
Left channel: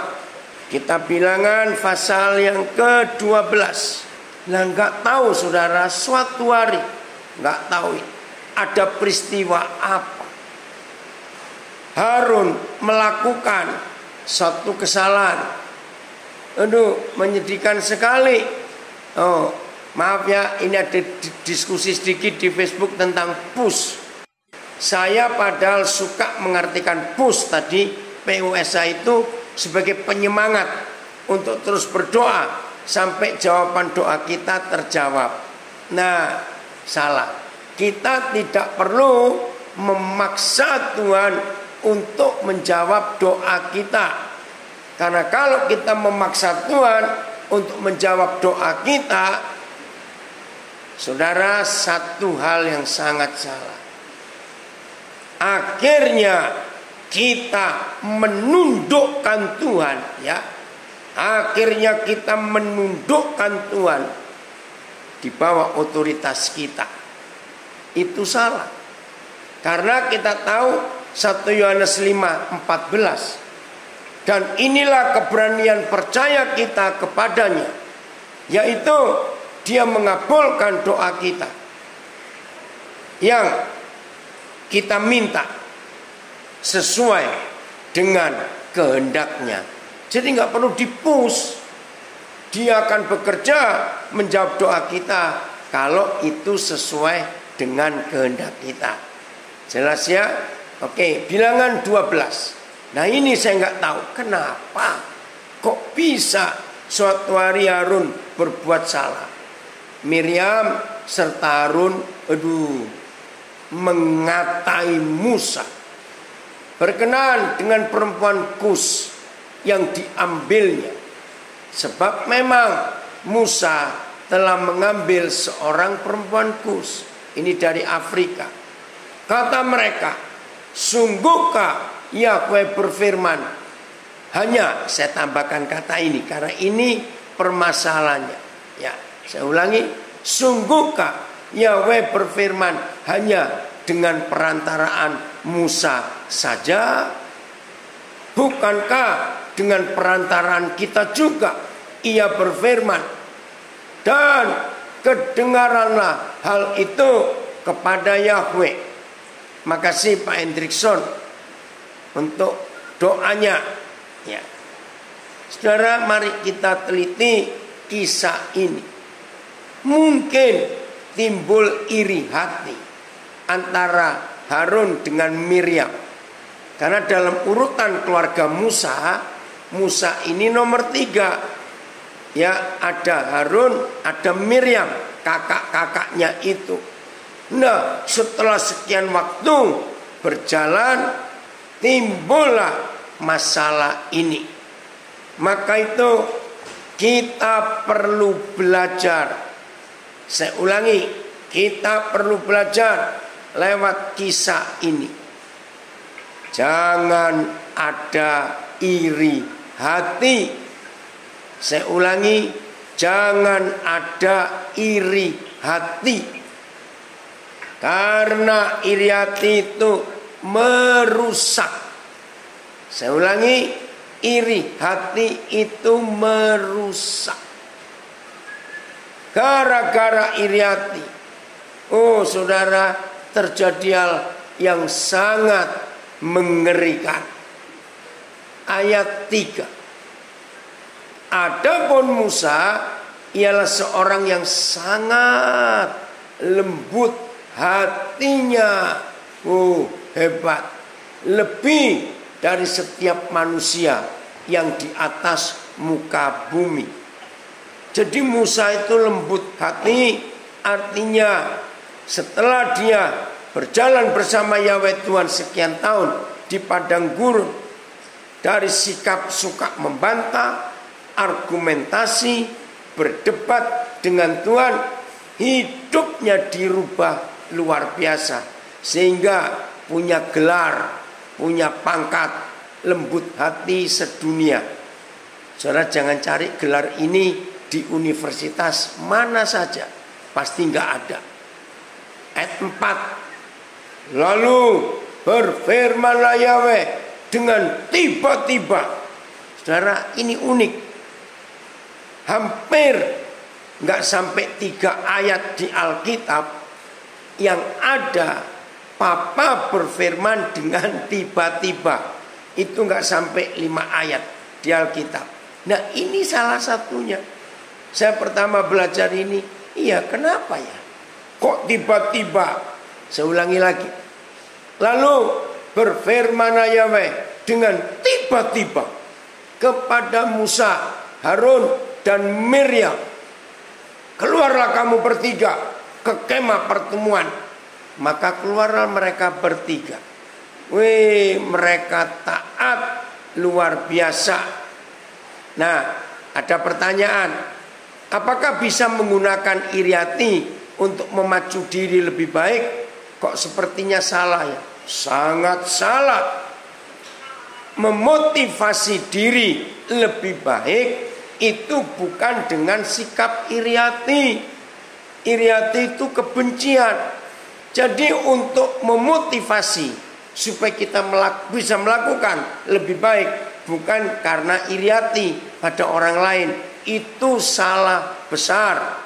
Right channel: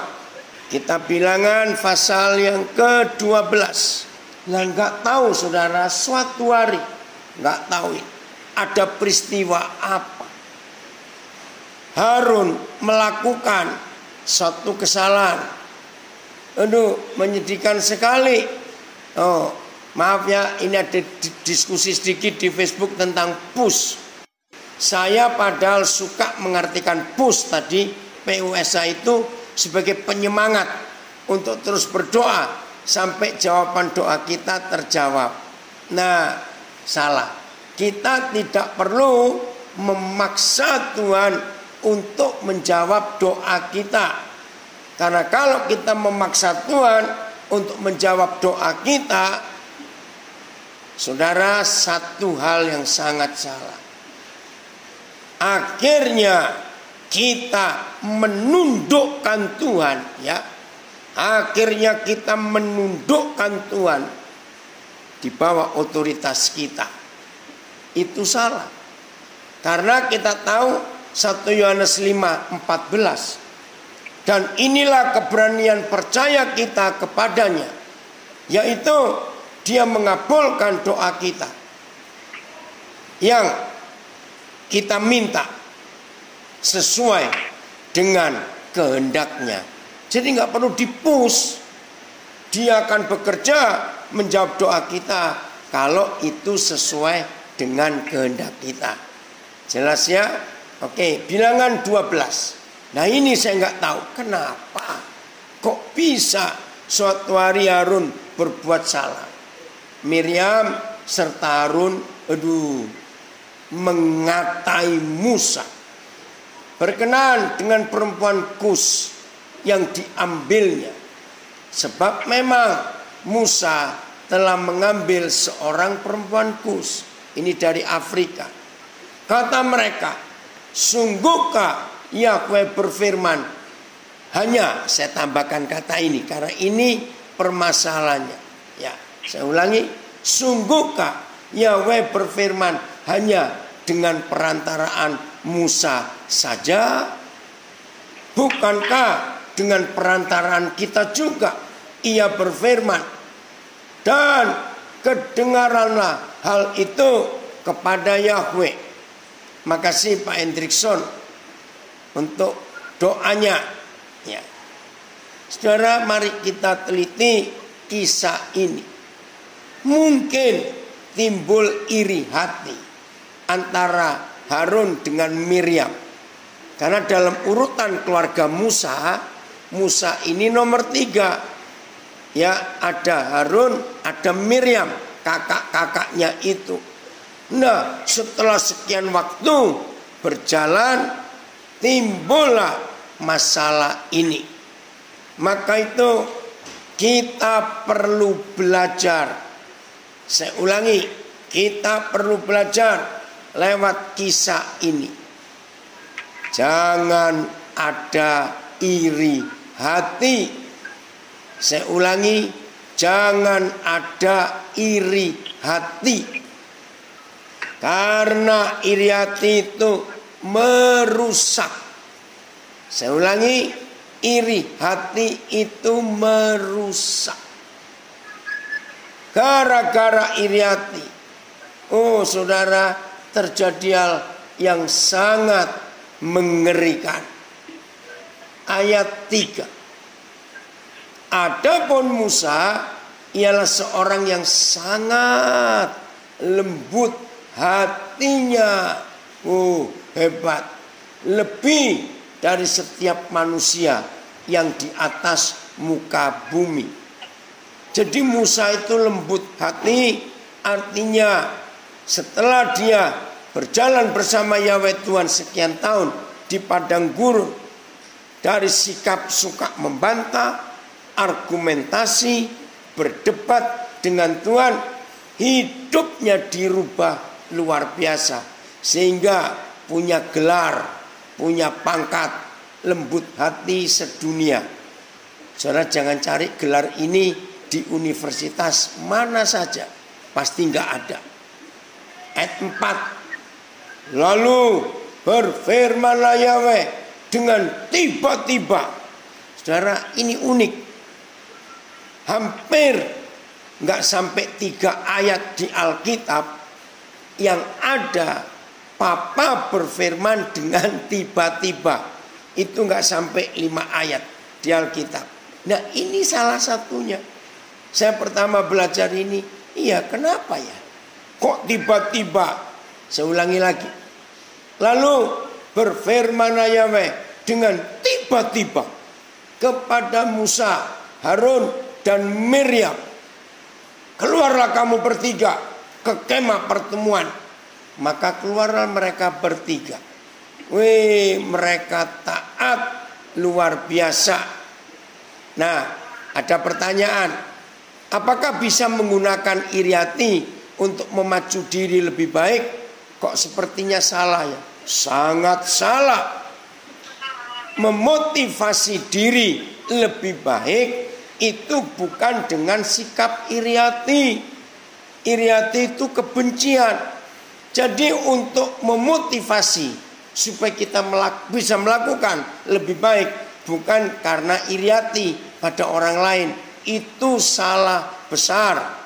Kita Bilangan pasal yang ke-12. Nah, nggak tahu saudara, suatu hari nggak tahu ada peristiwa apa Harun melakukan satu kesalahan. Aduh, menyedihkan sekali. Oh, maaf ya, ini ada diskusi sedikit di Facebook tentang PUS. Saya padahal suka mengartikan PUS tadi, PUSA itu sebagai penyemangat untuk terus berdoa sampai jawaban doa kita terjawab. Nah, salah. Kita tidak perlu memaksa Tuhan untuk menjawab doa kita. Karena kalau kita memaksa Tuhan untuk menjawab doa kita, saudara, satu hal yang sangat salah. Akhirnya kita menundukkan Tuhan, ya. Akhirnya kita menundukkan Tuhan di bawah otoritas kita. Itu salah. Karena kita tahu 1 Yohanes 5:14. Dan inilah keberanian percaya kita kepadanya, yaitu dia mengabulkan doa kita yang kita minta sesuai dengan kehendaknya. Jadi nggak perlu dipus. Dia akan bekerja menjawab doa kita kalau itu sesuai dengan kehendak kita. Jelas ya? Oke, Bilangan 12. Nah, ini saya nggak tahu kenapa kok bisa suatu hari Harun berbuat salah. Miriam serta Harun mengatai Musa berkenaan dengan perempuan Kus yang diambilnya. Sebab memang Musa telah mengambil seorang perempuan Kus. Ini dari Afrika. Kata mereka, sungguhkah Yahweh berfirman? Hanya saya tambahkan kata ini karena ini permasalahannya. Ya, saya ulangi, sungguhkah Yahweh berfirman hanya dengan perantaraan Musa saja? Bukankah dengan perantaraan kita juga Ia berfirman? Dan kedengaranlah hal itu kepada Yahweh. Makasih Pak Hendrikson untuk doanya. Ya. Saudara, mari kita teliti kisah ini. Mungkin timbul iri hati antara Harun dengan Miriam. Karena dalam urutan keluarga Musa ini nomor 3. Ya, ada Harun, ada Miriam, kakak-kakaknya itu. Nah, setelah sekian waktu berjalan, timbullah masalah ini. Maka itu kita perlu belajar. Saya ulangi, kita perlu belajar lewat kisah ini. Jangan ada iri hati. Saya ulangi, jangan ada iri hati. Karena iri hati itu merusak Saya ulangi, iri hati itu merusak. Gara-gara iri hati, oh saudara, terjadi hal yang sangat mengerikan. Ayat 3. Adapun Musa ialah seorang yang sangat lembut hatinya. Oh, hebat. Lebih dari setiap manusia yang di atas muka bumi. Jadi Musa itu lembut hati, artinya setelah dia berjalan bersama Yahweh Tuhan sekian tahun di padang gurun, dari sikap suka membantah, argumentasi, berdebat dengan Tuhan, hidupnya dirubah luar biasa. Sehingga punya gelar, punya pangkat, lembut hati sedunia. Saudara jangan cari gelar ini di universitas mana saja, pasti nggak ada. Ayat 4. Lalu berfirmanlah Yahweh dengan tiba-tiba. Saudara, ini unik. Hampir nggak sampai 3 ayat di Alkitab yang ada Papa berfirman dengan tiba-tiba. Itu nggak sampai 5 ayat di Alkitab. Nah, ini salah satunya. Saya pertama belajar ini, iya kenapa ya? Kok tiba-tiba? Saya ulangi lagi. Lalu berfirman Yahweh dengan tiba-tiba kepada Musa, Harun dan Miriam. Keluarlah kamu bertiga ke kemah pertemuan. Maka keluarlah mereka bertiga. Wih, mereka taat luar biasa. Nah, ada pertanyaan. Apakah bisa menggunakan iri hati untuk memacu diri lebih baik? Kok sepertinya salah ya? Sangat salah. Memotivasi diri lebih baik itu bukan dengan sikap iri hati. Iri hati itu kebencian. Jadi untuk memotivasi supaya kita bisa melakukan lebih baik, bukan karena iri hati pada orang lain. Itu salah besar.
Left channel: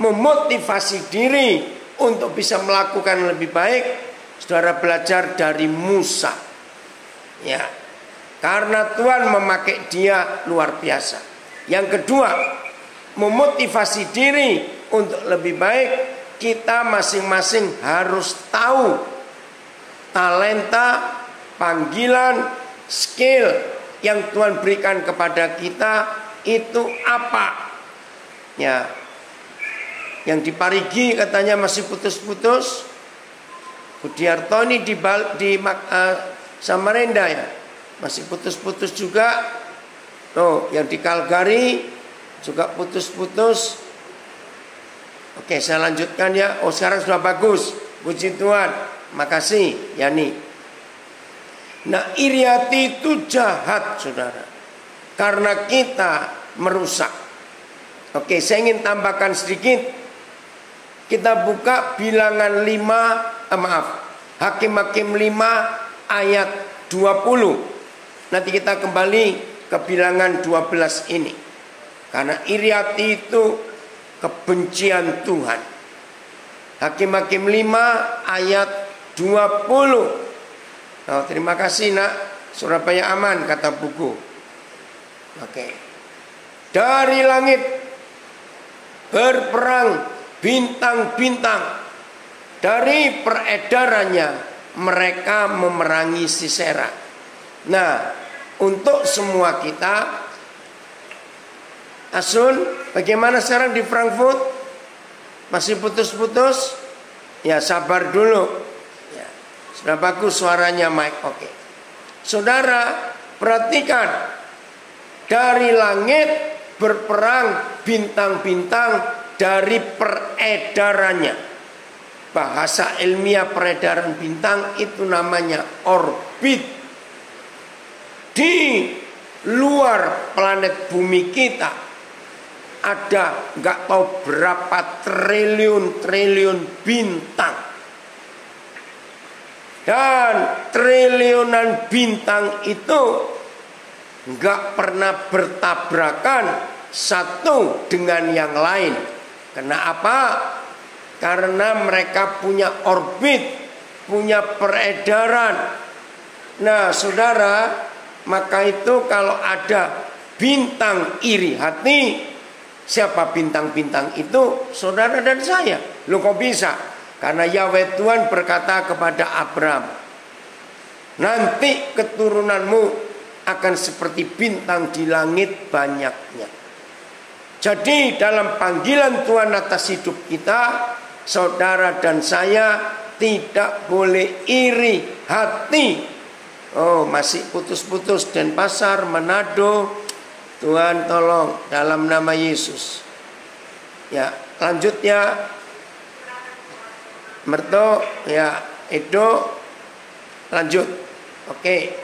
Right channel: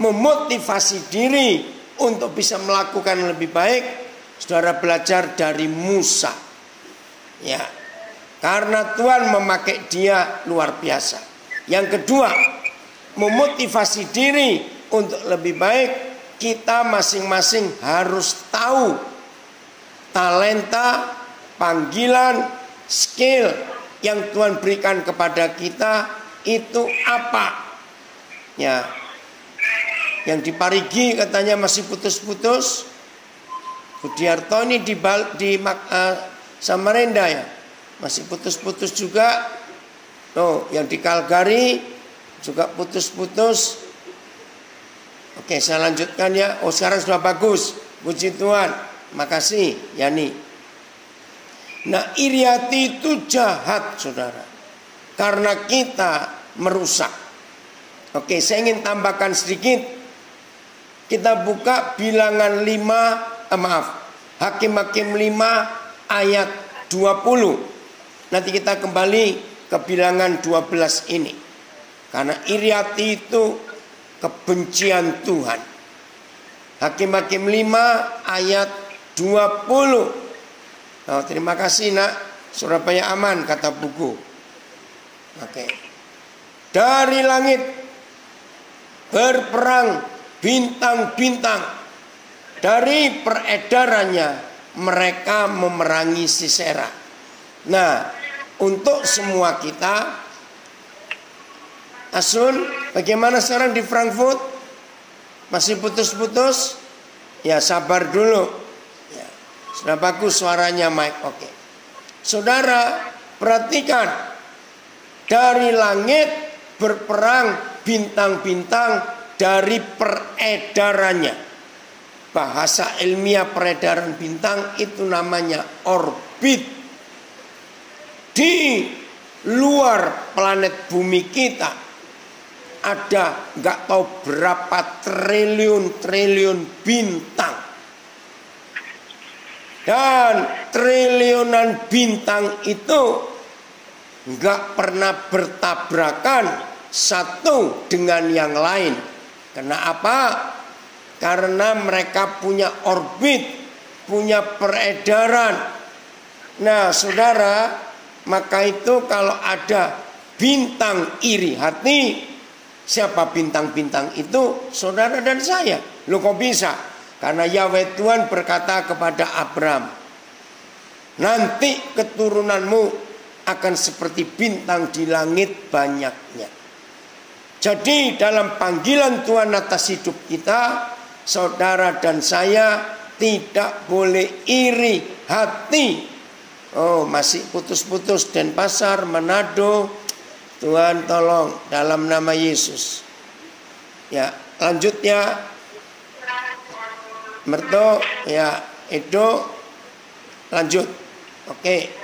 Memotivasi diri untuk bisa melakukan lebih baik, saudara belajar dari Musa. Ya, karena Tuhan memakai dia luar biasa. Yang kedua, memotivasi diri untuk lebih baik, kita masing-masing harus tahu talenta, panggilan, skill yang Tuhan berikan kepada kita itu apa? Ya, yang di Parigi katanya masih putus-putus. Budiarto ini di Samarinda ya, masih putus-putus juga. Oh, yang di Calgary juga putus-putus. Oke, saya lanjutkan ya. Oh, sekarang sudah bagus. Puji Tuhan. Makasih, Yani. Nah, iri hati itu jahat, saudara. Karena kita merusak. Oke, saya ingin tambahkan sedikit. Kita buka bilangan 5, Hakim-Hakim 5 ayat 20. Nanti kita kembali ke bilangan 12 ini. Karena iri hati itu kebencian Tuhan. Hakim-Hakim 5 ayat 20. Oh, terima kasih nak. Surabaya aman kata buku. Oke. Dari langit berperang bintang-bintang. Dari peredarannya mereka memerangi Sisera. Nah, untuk semua kita, Asun, bagaimana sekarang di Frankfurt? Masih putus-putus? Ya, sabar dulu. Ya, sudah bagus suaranya Mike. Oke. Saudara, perhatikan. Dari langit berperang bintang-bintang dari peredarannya. Bahasa ilmiah peredaran bintang itu namanya orbit. Di luar planet bumi kita ada nggak tahu berapa triliun bintang. Dan triliunan bintang itu nggak pernah bertabrakan satu dengan yang lain. Kenapa? Karena mereka punya orbit, punya peredaran. Nah, saudara, maka itu kalau ada bintang iri hati, siapa bintang-bintang itu? Saudara dan saya. Loh, kok bisa? Karena Yahweh Tuhan berkata kepada Abraham, nanti keturunanmu akan seperti bintang di langit banyaknya. Jadi dalam panggilan Tuhan atas hidup kita, saudara dan saya tidak boleh iri hati. Oh, masih putus-putus Denpasar, Manado. Tuhan tolong dalam nama Yesus. Ya, lanjut ya. Merto, ya, Edo, lanjut. Oke,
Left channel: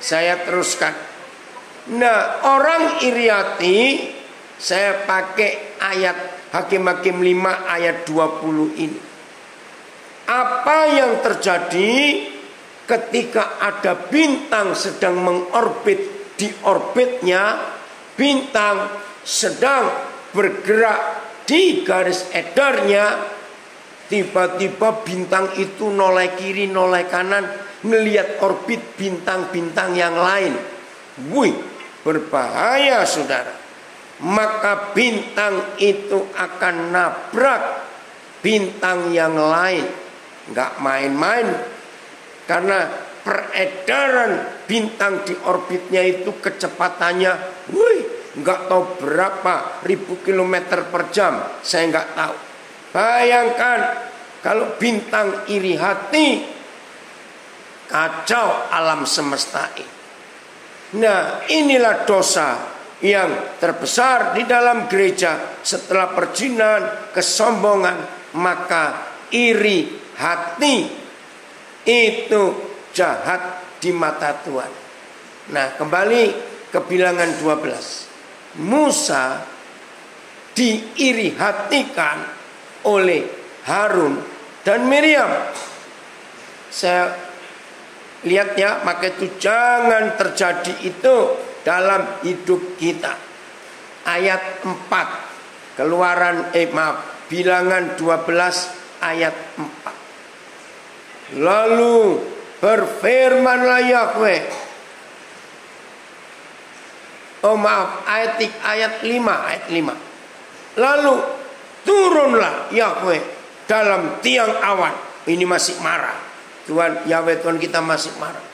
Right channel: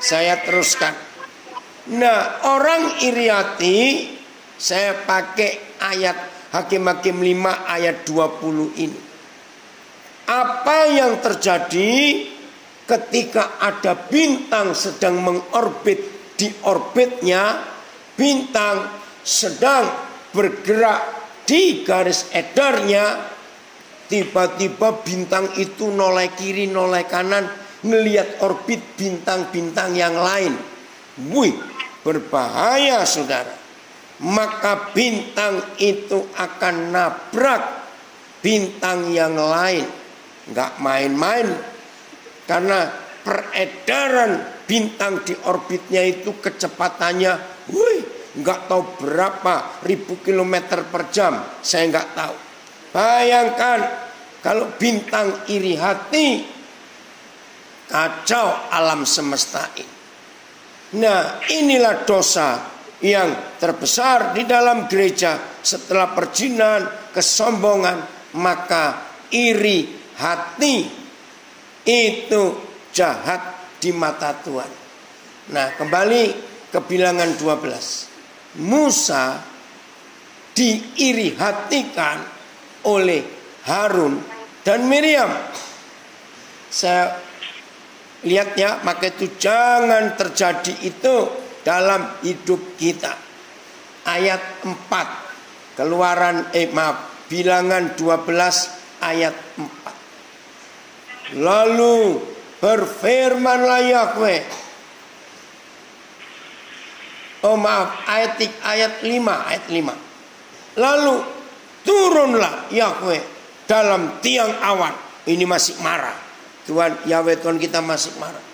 saya teruskan. Nah, orang iri hati, saya pakai ayat Hakim-Hakim 5 ayat 20 ini. Apa yang terjadi ketika ada bintang sedang mengorbit, di orbitnya bintang sedang bergerak di garis edarnya, tiba-tiba bintang itu noleh kiri, noleh kanan, melihat orbit bintang-bintang yang lain. Wih, berbahaya saudara. Maka bintang itu akan nabrak bintang yang lain. Nggak main-main. Karena peredaran bintang di orbitnya itu kecepatannya, wih, nggak tahu berapa ribu kilometer per jam. Saya nggak tahu. Bayangkan kalau bintang iri hati, kacau alam semesta ini. Nah, inilah dosa yang terbesar di dalam gereja setelah perzinahan, kesombongan, maka iri hati itu jahat di mata Tuhan. Nah, kembali ke Bilangan 12. Musa diiri hatikan oleh Harun dan Miriam. Saya lihat ya, maka itu jangan terjadi itu dalam hidup kita. Ayat 4 Bilangan 12 ayat 4. Lalu berfirmanlah Yahweh. Ayat 5. Lalu turunlah Yahweh dalam tiang awan. Ini masih marah. Tuhan Yahweh Tuhan kita masih marah.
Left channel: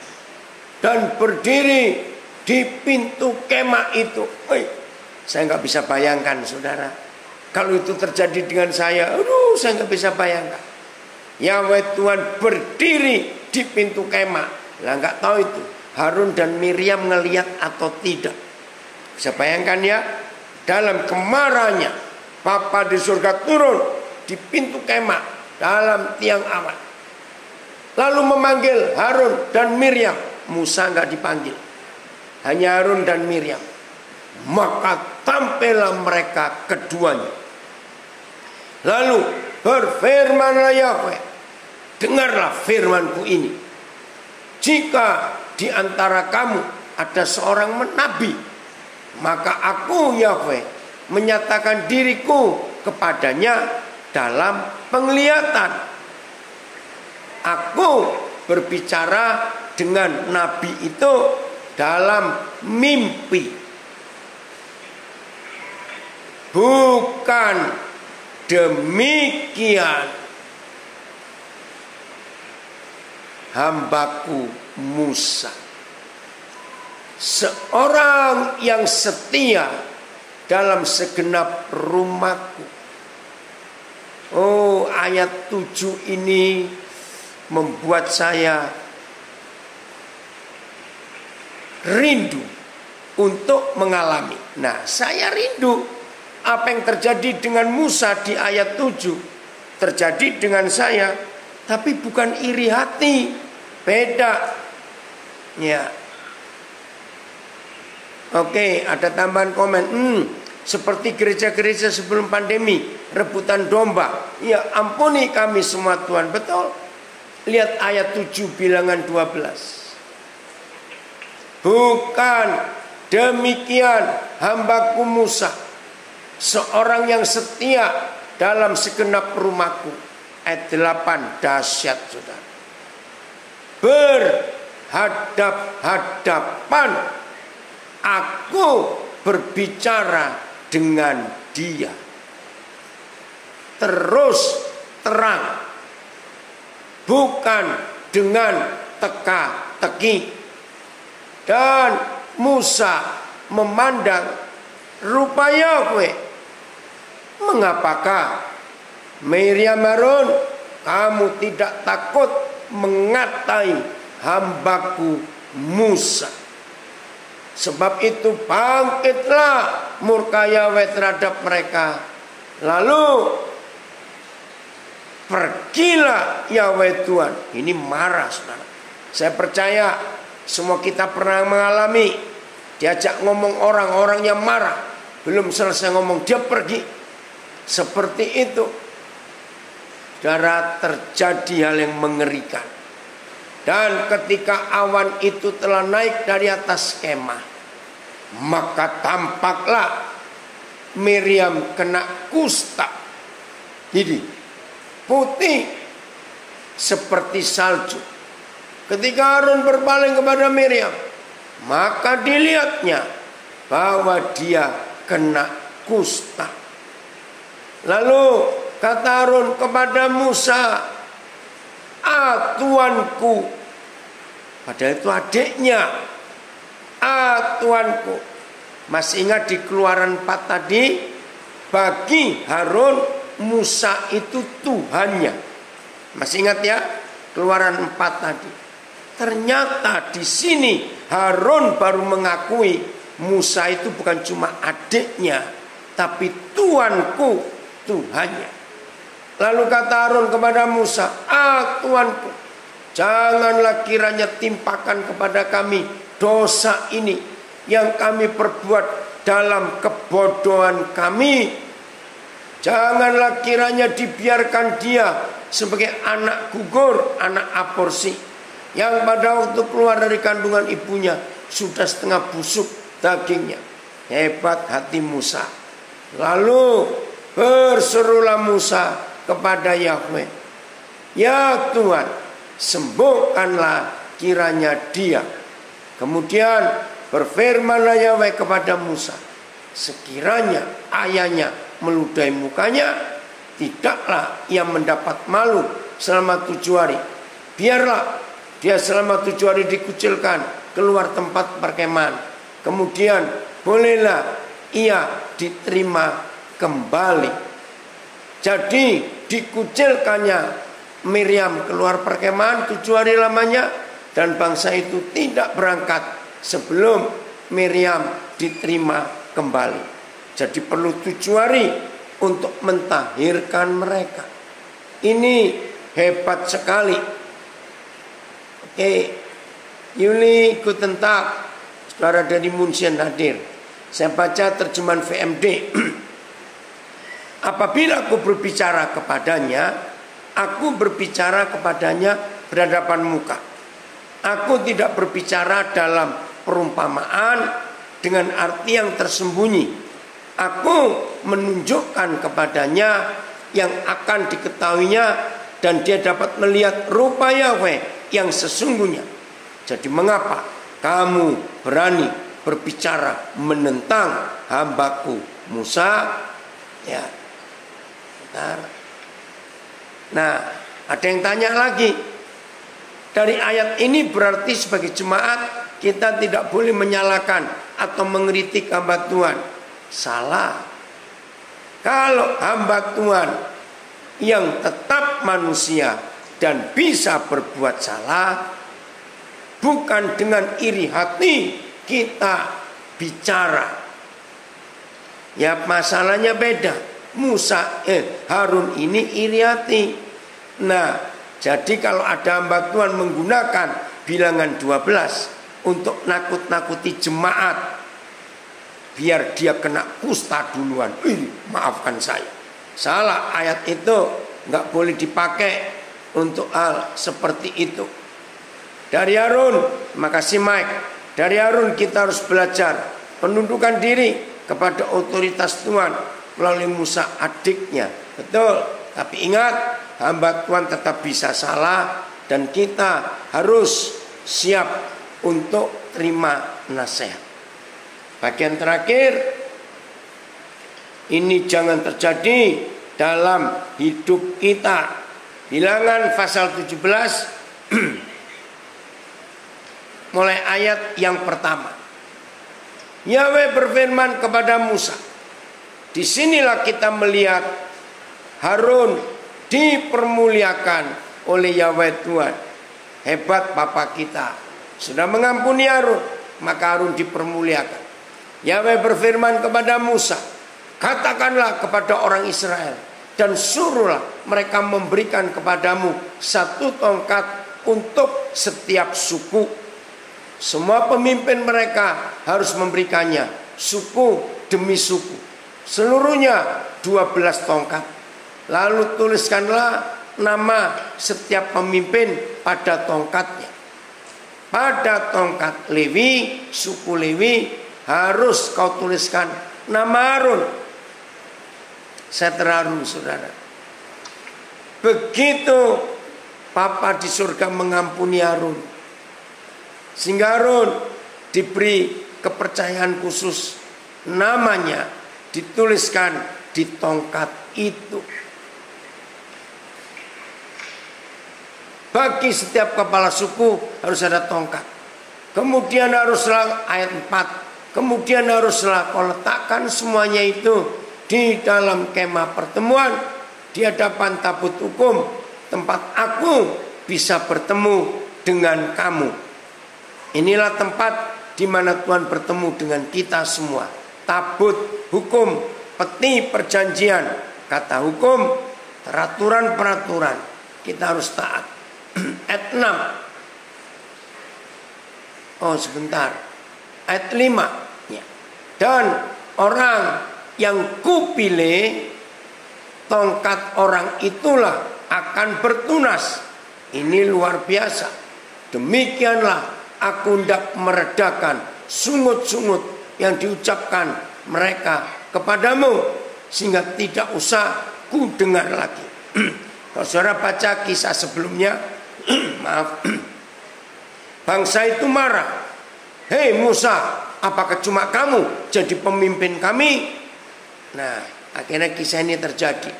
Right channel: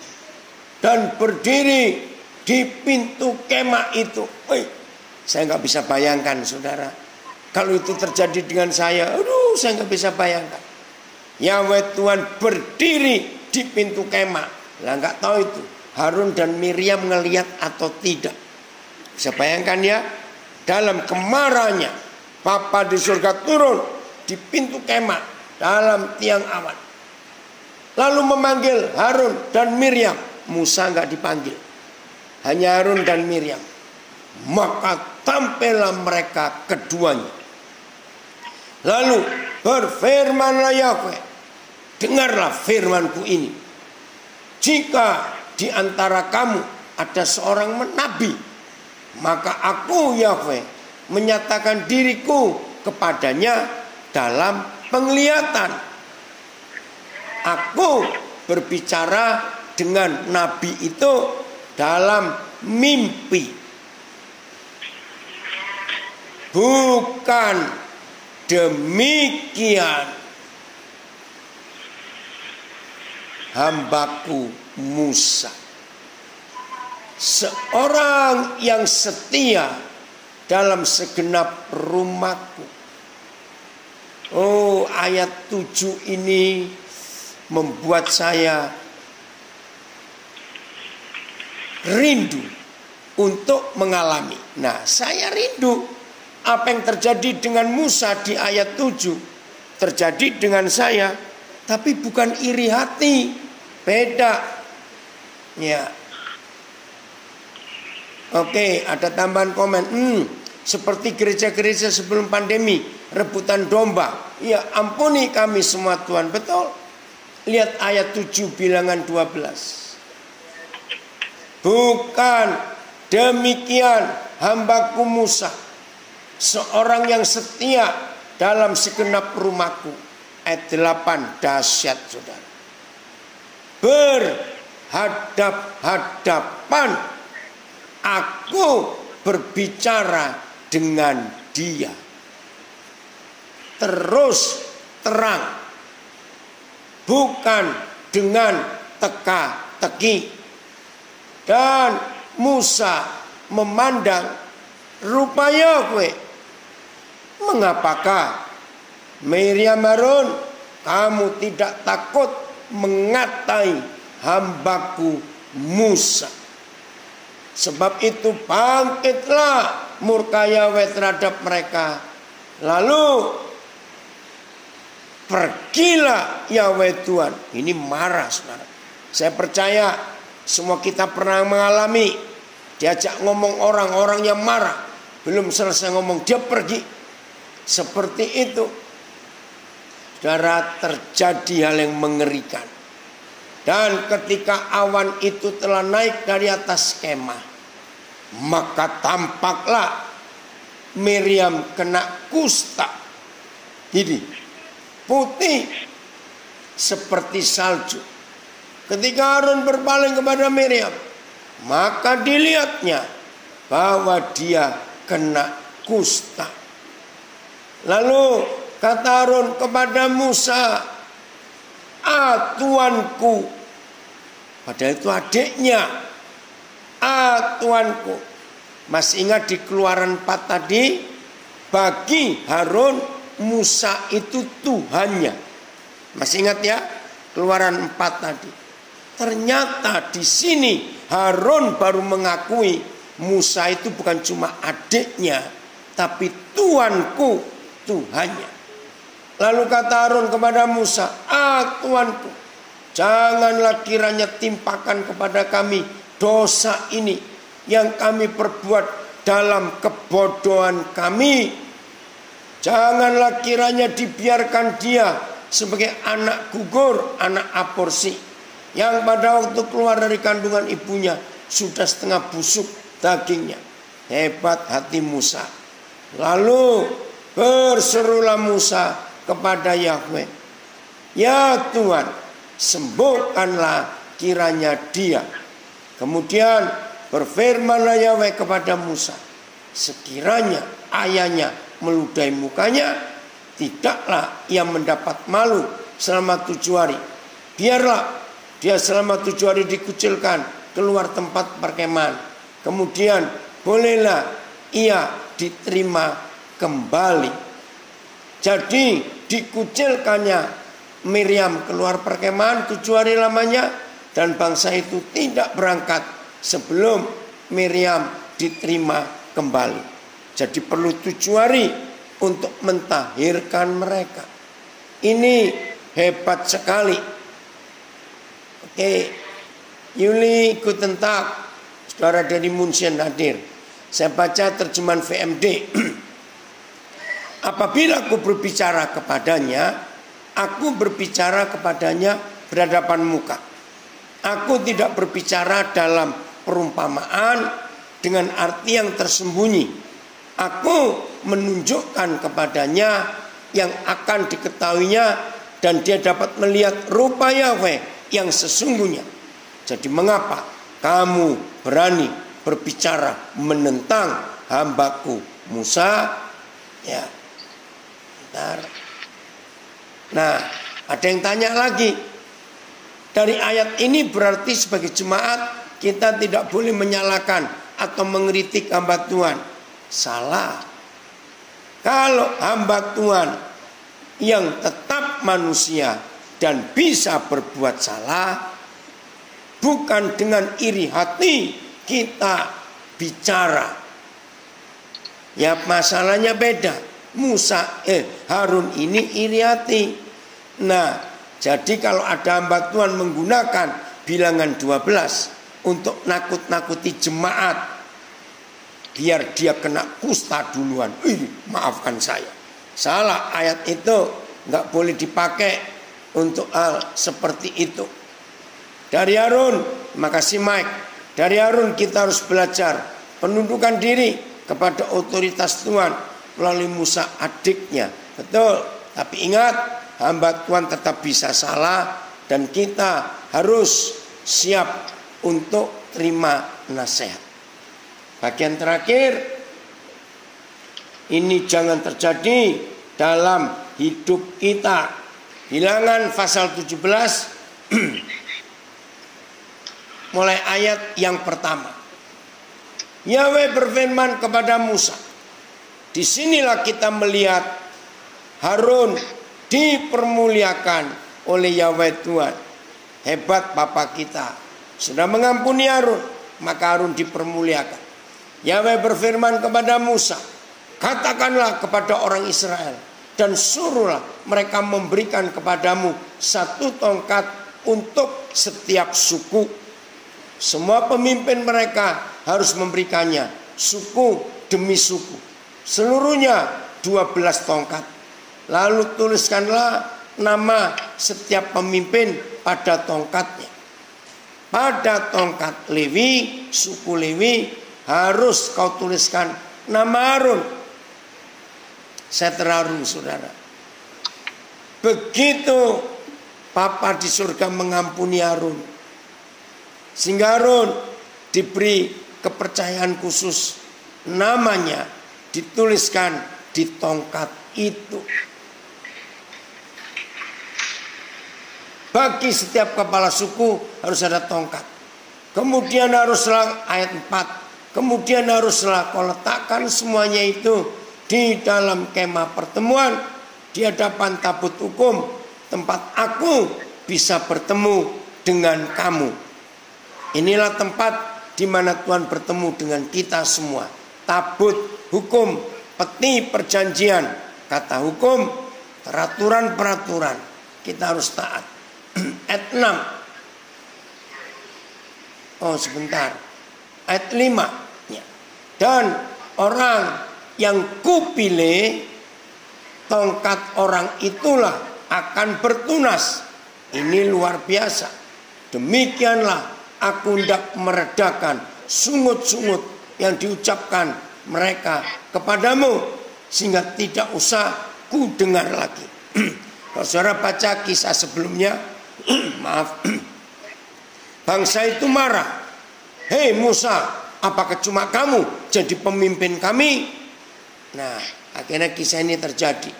Dan berdiri di pintu kemah itu. Saya nggak bisa bayangkan saudara. Kalau itu terjadi dengan saya, aduh, saya nggak bisa bayangkan. Yahweh Tuhan berdiri di pintu kemah. Lah nggak tahu itu Harun dan Miriam ngelihat atau tidak. Bisa bayangkan ya, dalam kemarahannya Bapa di surga turun di pintu kemah dalam tiang awan. Lalu memanggil Harun dan Miriam. Musa nggak dipanggil, hanya Harun dan Miriam. Maka tampillah mereka keduanya. Lalu berfirmanlah Yahweh, dengarlah firmanku ini. Jika di antara kamu ada seorang nabi, maka aku Yahweh menyatakan diriku kepadanya dalam penglihatan. Aku berbicara dengan nabi itu dalam mimpi. Bukan demikian hambaku Musa, seorang yang setia dalam segenap rumahku. Oh, ayat 7 ini membuat saya rindu untuk mengalami. Nah, saya rindu apa yang terjadi dengan Musa di ayat 7 terjadi dengan saya, tapi bukan iri hati, beda. Ya. Oke, ada tambahan komen. Seperti gereja-gereja sebelum pandemi, rebutan domba. Ya, ampuni kami semua Tuhan, betul. Lihat ayat 7 bilangan 12. Bukan demikian hambaku Musa, seorang yang setia dalam segenap rumahku. Ayat 8 dahsyat saudara. Berhadap-hadapan aku berbicara dengan dia. Terus terang. Bukan dengan teka-teki. Dan Musa memandang, rupanya kowe, mengapakah Miriam Harun kamu tidak takut mengatai hambaku Musa? Sebab itu bangkitlah murka Yahweh terhadap mereka. Lalu pergilah Yahweh Tuhan. Ini marah saudara. Saya percaya semua kita pernah mengalami diajak ngomong orang yang marah, belum selesai ngomong dia pergi. Seperti itu saudara, terjadi hal yang mengerikan. Dan ketika awan itu telah naik dari atas kemah, maka tampaklah Miriam kena kusta. Jadi putih seperti salju. Ketika Harun berpaling kepada Miriam, maka dilihatnya bahwa dia kena kusta. Lalu kata Harun kepada Musa, tuanku. Padahal itu adiknya. Tuanku. Masih ingat di Keluaran 4 tadi, bagi Harun Musa itu Tuhannya. Masih ingat ya? Keluaran 4 tadi. Ternyata di sini Harun baru mengakui Musa itu bukan cuma adiknya, tapi tuanku, Tuhannya. Lalu kata Harun kepada Musa, tuanku, janganlah kiranya timpakan kepada kami dosa ini yang kami perbuat dalam kebodohan kami. Janganlah kiranya dibiarkan dia sebagai anak gugur, anak aborsi, yang pada waktu keluar dari kandungan ibunya sudah setengah busuk dagingnya. Hebat hati Musa. Lalu berserulah Musa kepada Yahweh, ya Tuhan, sembuhkanlah kiranya dia. Kemudian berfirmanlah Yahweh kepada Musa, sekiranya ayahnya meludahi mukanya, tidaklah ia mendapat malu selama 7 hari. Biarlah dia selama 7 hari dikucilkan keluar tempat perkemahan. Kemudian bolehlah ia diterima kembali. Jadi dikucilkannya Miriam keluar perkemahan 7 hari lamanya, dan bangsa itu tidak berangkat sebelum Miriam diterima kembali. Jadi perlu 7 hari untuk mentahirkan mereka. Ini hebat sekali. Oke, Yuli Guten Tag, saudara dari Munchen hadir. Saya baca terjemahan VMD. Apabila aku berbicara kepadanya, aku berbicara kepadanya berhadapan muka. Aku tidak berbicara dalam perumpamaan dengan arti yang tersembunyi. Aku menunjukkan kepadanya yang akan diketahuinya, dan dia dapat melihat rupa Yahweh yang sesungguhnya. Jadi mengapa kamu berani berbicara menentang hambaku Musa? Ya, bentar. Nah, ada yang tanya lagi. Dari ayat ini berarti sebagai jemaat kita tidak boleh menyalahkan atau mengkritik hamba Tuhan. Salah. Kalau hamba Tuhan yang tetap manusia dan bisa berbuat salah, bukan dengan iri hati kita bicara. Ya, masalahnya beda. Harun ini iri hati. Nah, jadi kalau ada hamba Tuhan menggunakan bilangan 12 untuk nakut-nakuti jemaat, biar dia kena kusta duluan, maafkan saya. Salah, ayat itu nggak boleh dipakai untuk hal seperti itu. Dari Harun, makasih Mike. Dari Harun kita harus belajar penundukan diri kepada otoritas Tuhan melalui Musa adiknya. Betul. Tapi ingat, hamba Tuhan tetap bisa salah dan kita harus siap untuk terima nasihat. Bagian terakhir, ini jangan terjadi dalam hidup kita. Bilangan pasal 17 mulai ayat yang pertama. Yahweh berfirman kepada Musa. Disinilah kita melihat Harun dipermuliakan oleh Yahweh Tuhan. Hebat Bapa kita. Sudah mengampuni Harun, maka Harun dipermuliakan. Yahweh berfirman kepada Musa. Katakanlah kepada orang Israel. Dan suruhlah mereka memberikan kepadamu 1 tongkat untuk setiap suku. Semua pemimpin mereka harus memberikannya suku demi suku. Seluruhnya 12 tongkat. Lalu tuliskanlah nama setiap pemimpin pada tongkatnya. Pada tongkat Lewi, suku Lewi, harus kau tuliskan nama Harun. Saya terharu saudara. Begitu Bapa di surga mengampuni Harun, sehingga Harun diberi kepercayaan khusus, namanya dituliskan di tongkat itu. Bagi setiap kepala suku harus ada tongkat. Kemudian haruslah ayat 4. Kemudian haruslah kau letakkan semuanya itu di dalam kemah pertemuan, di hadapan tabut hukum, tempat aku bisa bertemu dengan kamu. Inilah tempat di mana Tuhan bertemu dengan kita semua. Tabut hukum, peti perjanjian, kata hukum, peraturan-peraturan. Kita harus taat. Ayat 6. Oh sebentar. Ayat 5. Ya. Dan orang yang kupilih, tongkat orang itulah akan bertunas. Ini luar biasa. Demikianlah aku hendak meredakan sungut-sungut yang diucapkan mereka kepadamu, sehingga tidak usah ku dengar lagi. Kalau saudara baca kisah sebelumnya, maaf, bangsa itu marah. Hei Musa, apakah cuma kamu jadi pemimpin kami? Nah, akhirnya kisah ini terjadi.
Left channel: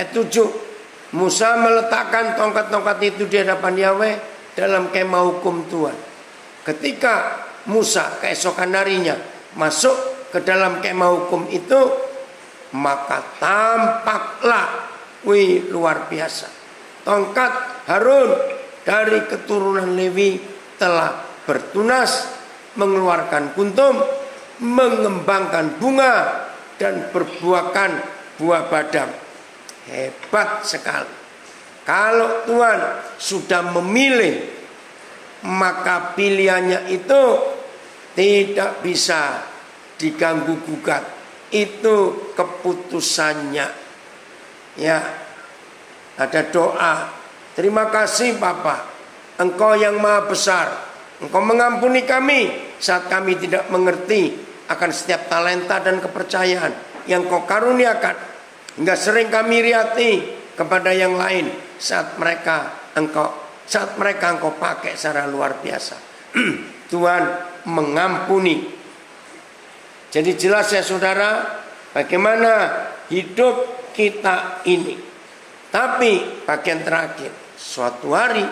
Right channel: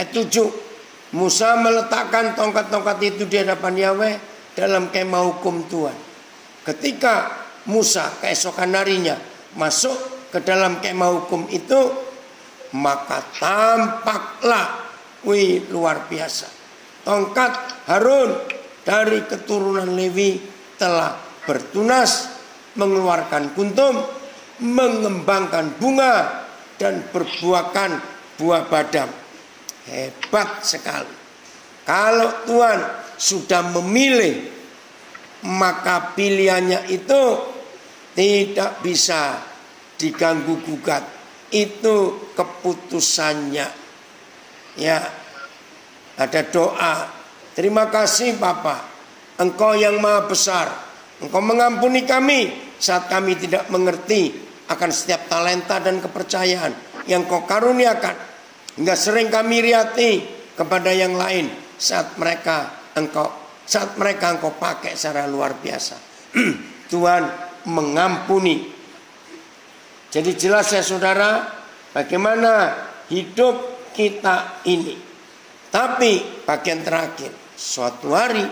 Ayat 7, Musa meletakkan tongkat-tongkat itu di hadapan Yahweh dalam kemah hukum Tuhan. Ketika Musa keesokan harinya masuk ke dalam kemah hukum itu, maka tampaklah, luar biasa, tongkat Harun dari keturunan Lewi telah bertunas, mengeluarkan kuntum, mengembangkan bunga, dan berbuahkan buah badam. Hebat sekali. Kalau Tuhan sudah memilih, maka pilihannya itu tidak bisa diganggu gugat. Itu keputusannya. Ya, ada doa. Terima kasih Bapa, Engkau yang maha besar. Engkau mengampuni kami saat kami tidak mengerti akan setiap talenta dan kepercayaan yang Kau karuniakan, hingga sering kami riati kepada yang lain saat mereka Engkau pakai secara luar biasa. Tuhan mengampuni. Jadi jelas ya saudara, bagaimana hidup kita ini. Tapi bagian terakhir, suatu hari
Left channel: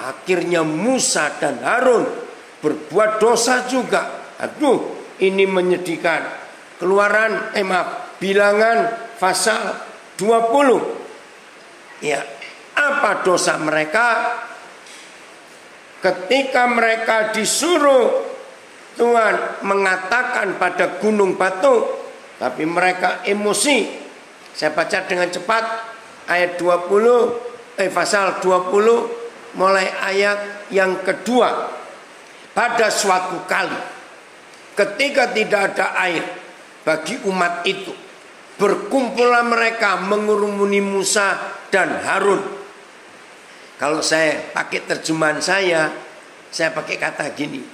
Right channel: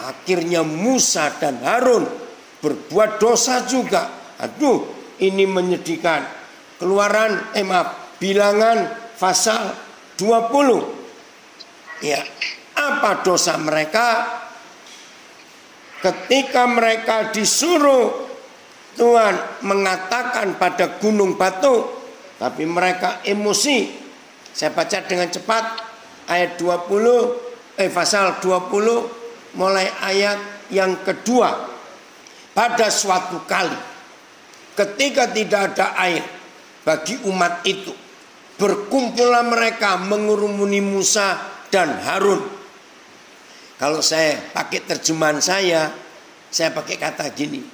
akhirnya Musa dan Harun berbuat dosa juga. Aduh, ini menyedihkan. Bilangan pasal 20. Ya, apa dosa mereka? Ketika mereka disuruh Tuhan mengatakan pada gunung batu, tapi mereka emosi. Saya baca dengan cepat ayat 20, pasal 20 mulai ayat yang kedua. Pada suatu kali, ketika tidak ada air bagi umat itu, berkumpullah mereka mengurumuni Musa dan Harun Kalau saya pakai terjemahan saya pakai kata gini.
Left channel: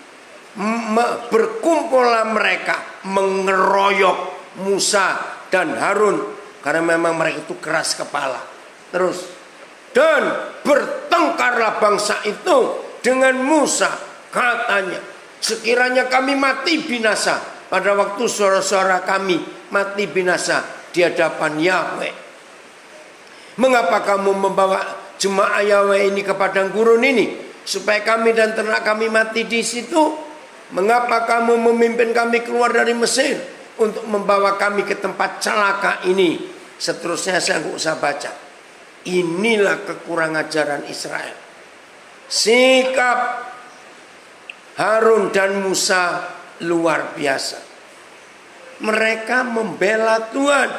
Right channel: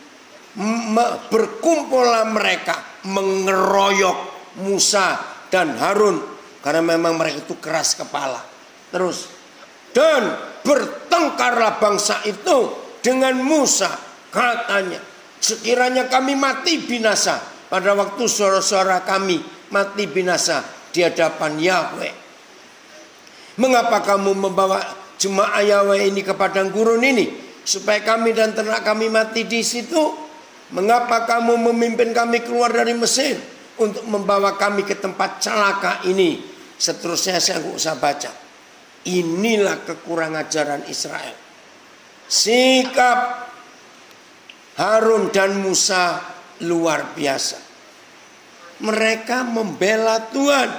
Berkumpullah mereka mengeroyok Musa dan Harun karena memang mereka itu keras kepala. Terus, dan bertengkarlah bangsa itu dengan Musa, katanya, sekiranya kami mati binasa pada waktu saudara-saudara kami mati binasa di hadapan Yahweh. Mengapa kamu membawa jemaah Yahweh ini ke padang gurun ini supaya kami dan ternak kami mati di situ? Mengapa kamu memimpin kami keluar dari Mesir untuk membawa kami ke tempat celaka ini? Seterusnya saya nggak usah baca. Inilah kekurangan ajaran Israel. Sikap Harun dan Musa luar biasa. Mereka membela Tuhan,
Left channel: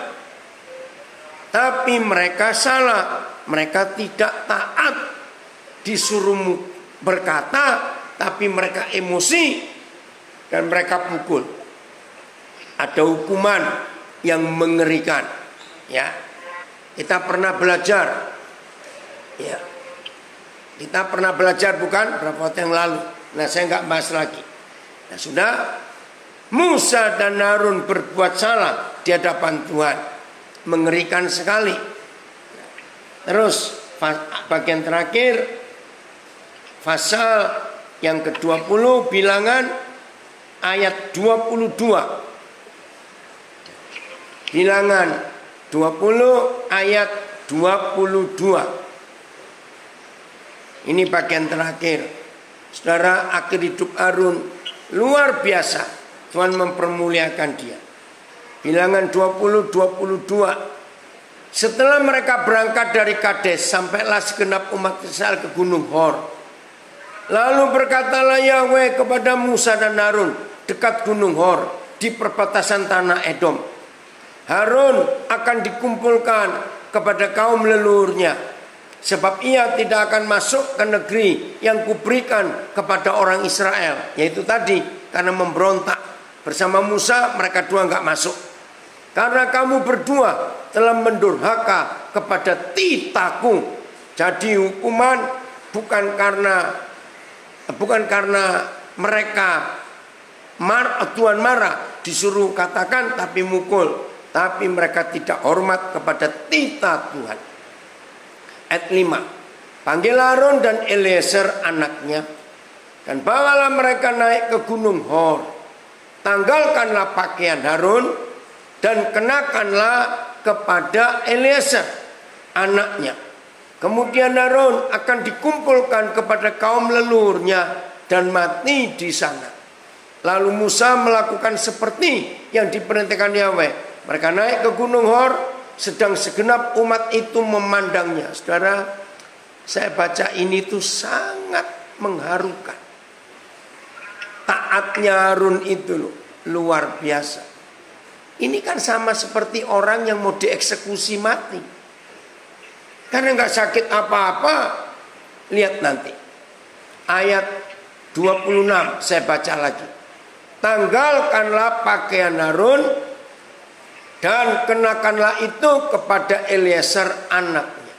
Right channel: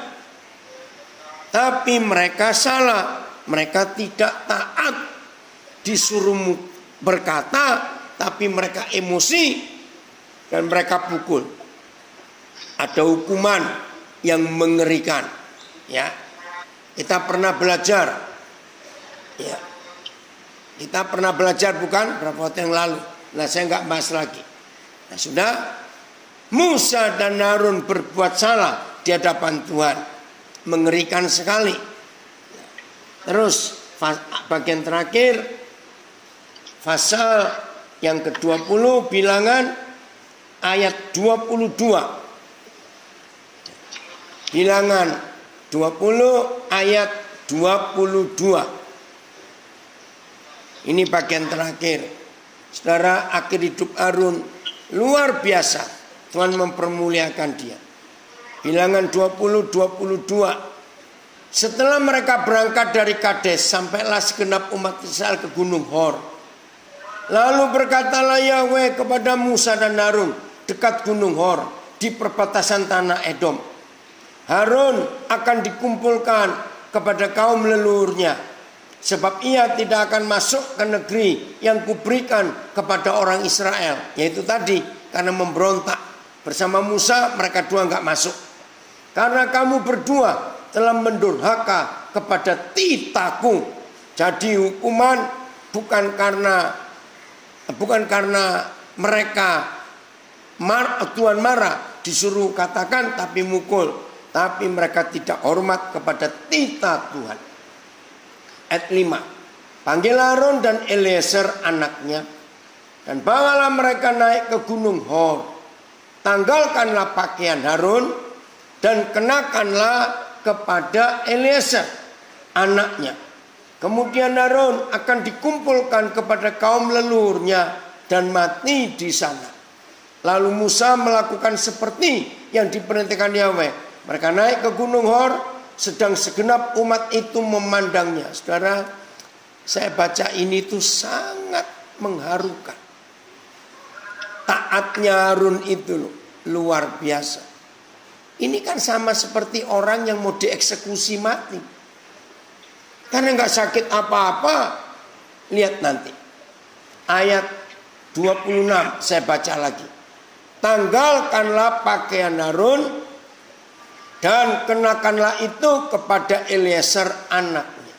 tapi mereka salah. Mereka tidak taat. Disuruh berkata, tapi mereka emosi dan mereka pukul. Ada hukuman yang mengerikan. Ya, kita pernah belajar. Ya, kita pernah belajar bukan berapa waktu yang lalu. Nah, saya nggak bahas lagi. Nah, sudah. Musa dan Harun berbuat salah di hadapan Tuhan. Mengerikan sekali. Terus bagian terakhir pasal yang ke-20 bilangan ayat 22. Bilangan 20 ayat 22. Ini bagian terakhir. Saudara, akhir hidup Harun luar biasa. Tuhan mempermuliakan dia. Bilangan 20:22. Setelah mereka berangkat dari Kades, sampailah segenap umat Israel ke Gunung Hor. Lalu berkatalah Yahweh kepada Musa dan Harun dekat Gunung Hor di perbatasan tanah Edom. Harun akan dikumpulkan kepada kaum leluhurnya, sebab ia tidak akan masuk ke negeri yang kuberikan kepada orang Israel. Yaitu tadi, karena memberontak. Bersama Musa mereka dua enggak masuk. Karena kamu berdua telah mendurhaka kepada titahku. Jadi hukuman bukan karena mereka Tuhan marah disuruh katakan tapi mukul, tapi mereka tidak hormat kepada titah Tuhan. Ayat 5. Panggil Harun dan Eliezer anaknya dan bawalah mereka naik ke Gunung Hor. Tanggalkanlah pakaian Harun dan kenakanlah kepada Eliezer anaknya. Kemudian Harun akan dikumpulkan kepada kaum leluhurnya dan mati di sana. Lalu Musa melakukan seperti yang diperintahkan Yahweh. Mereka naik ke Gunung Hor, sedang segenap umat itu memandangnya. Saudara, saya baca ini tuh sangat mengharukan. Taatnya Harun itu luar biasa. Ini kan sama seperti orang yang mau dieksekusi mati. Karena nggak sakit apa-apa. Lihat nanti. Ayat 26 saya baca lagi. Tanggalkanlah pakaian Harun dan kenakanlah itu kepada Eliezer anaknya.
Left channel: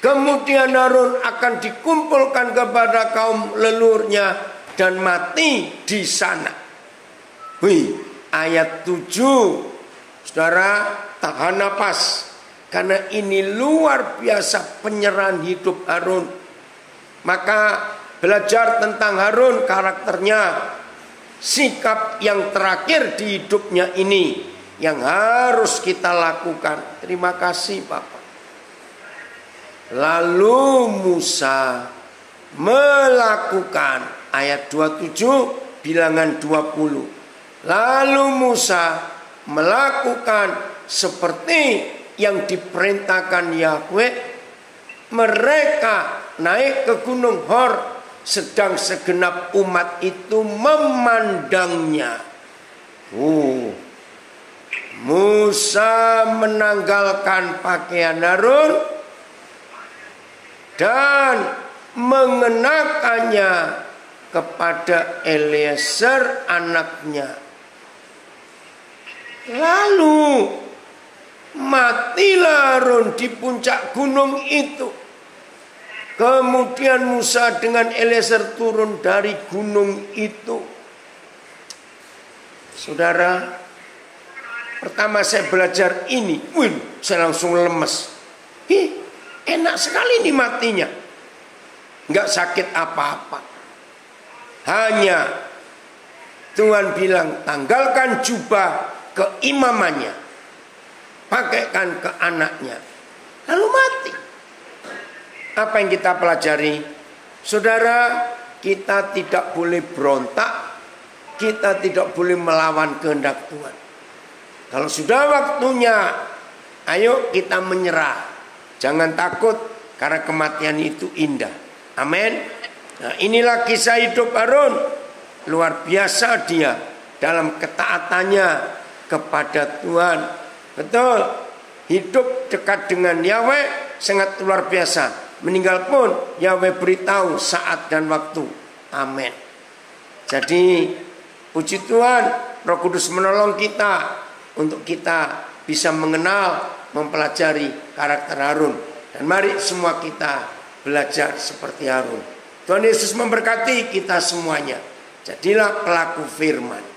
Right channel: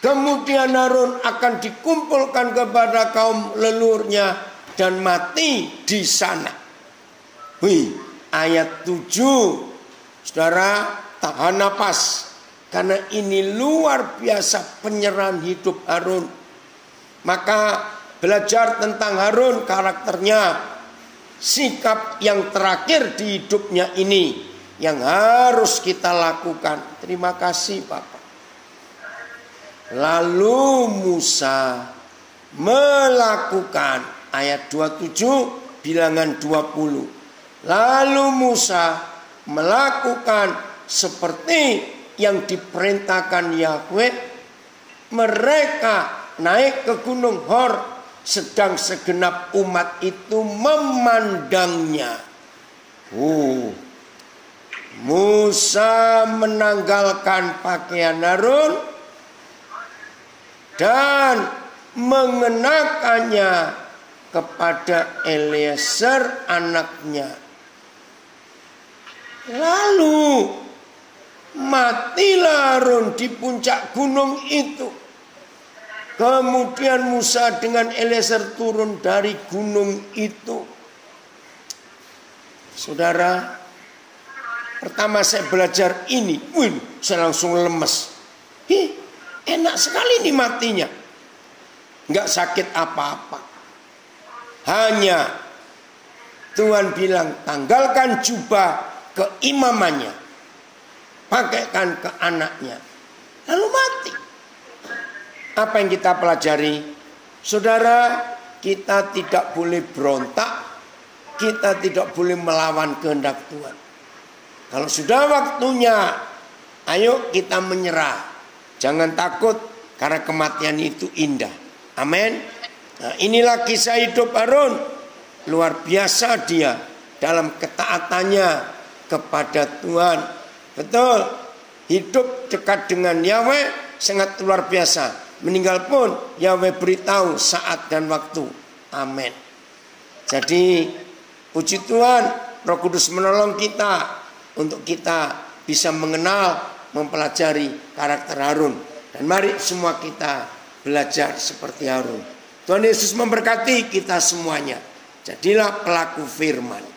Kemudian Harun akan dikumpulkan kepada kaum leluhurnya dan mati di sana. Wih, ayat 7. Saudara, tahan napas. Karena ini luar biasa penyerahan hidup Harun. Maka belajar tentang Harun, karakternya, sikap yang terakhir di hidupnya ini yang harus kita lakukan. Terima kasih Bapak. Lalu Musa melakukan, ayat 27 bilangan 20. Lalu Musa melakukan seperti yang diperintahkan Yahweh. Mereka naik ke Gunung Hor, sedang segenap umat itu memandangnya. Musa menanggalkan pakaian Harun dan mengenakannya kepada Eliezer anaknya. Lalu matilah Harun di puncak gunung itu. Kemudian Musa dengan Eliezer turun dari gunung itu. Saudara, pertama saya belajar ini, saya langsung lemes. Enak sekali nih matinya. Nggak sakit apa-apa. Hanya Tuhan bilang, tanggalkan jubah keimamannya, pakaikan ke anaknya, lalu mati. Apa yang kita pelajari? Saudara, kita tidak boleh berontak, kita tidak boleh melawan kehendak Tuhan. Kalau sudah waktunya, ayo kita menyerah. Jangan takut, karena kematian itu indah. Amin. Nah, inilah kisah hidup Harun. Luar biasa dia dalam ketaatannya kepada Tuhan. Betul. Hidup dekat dengan Yahweh sangat luar biasa. Meninggal pun Yahweh beritahu saat dan waktu. Amin. Jadi puji Tuhan, Roh Kudus menolong kita untuk kita bisa mengenal, mempelajari karakter Harun. Dan mari semua kita belajar seperti Harun. Tuhan Yesus memberkati kita semuanya. Jadilah pelaku firman.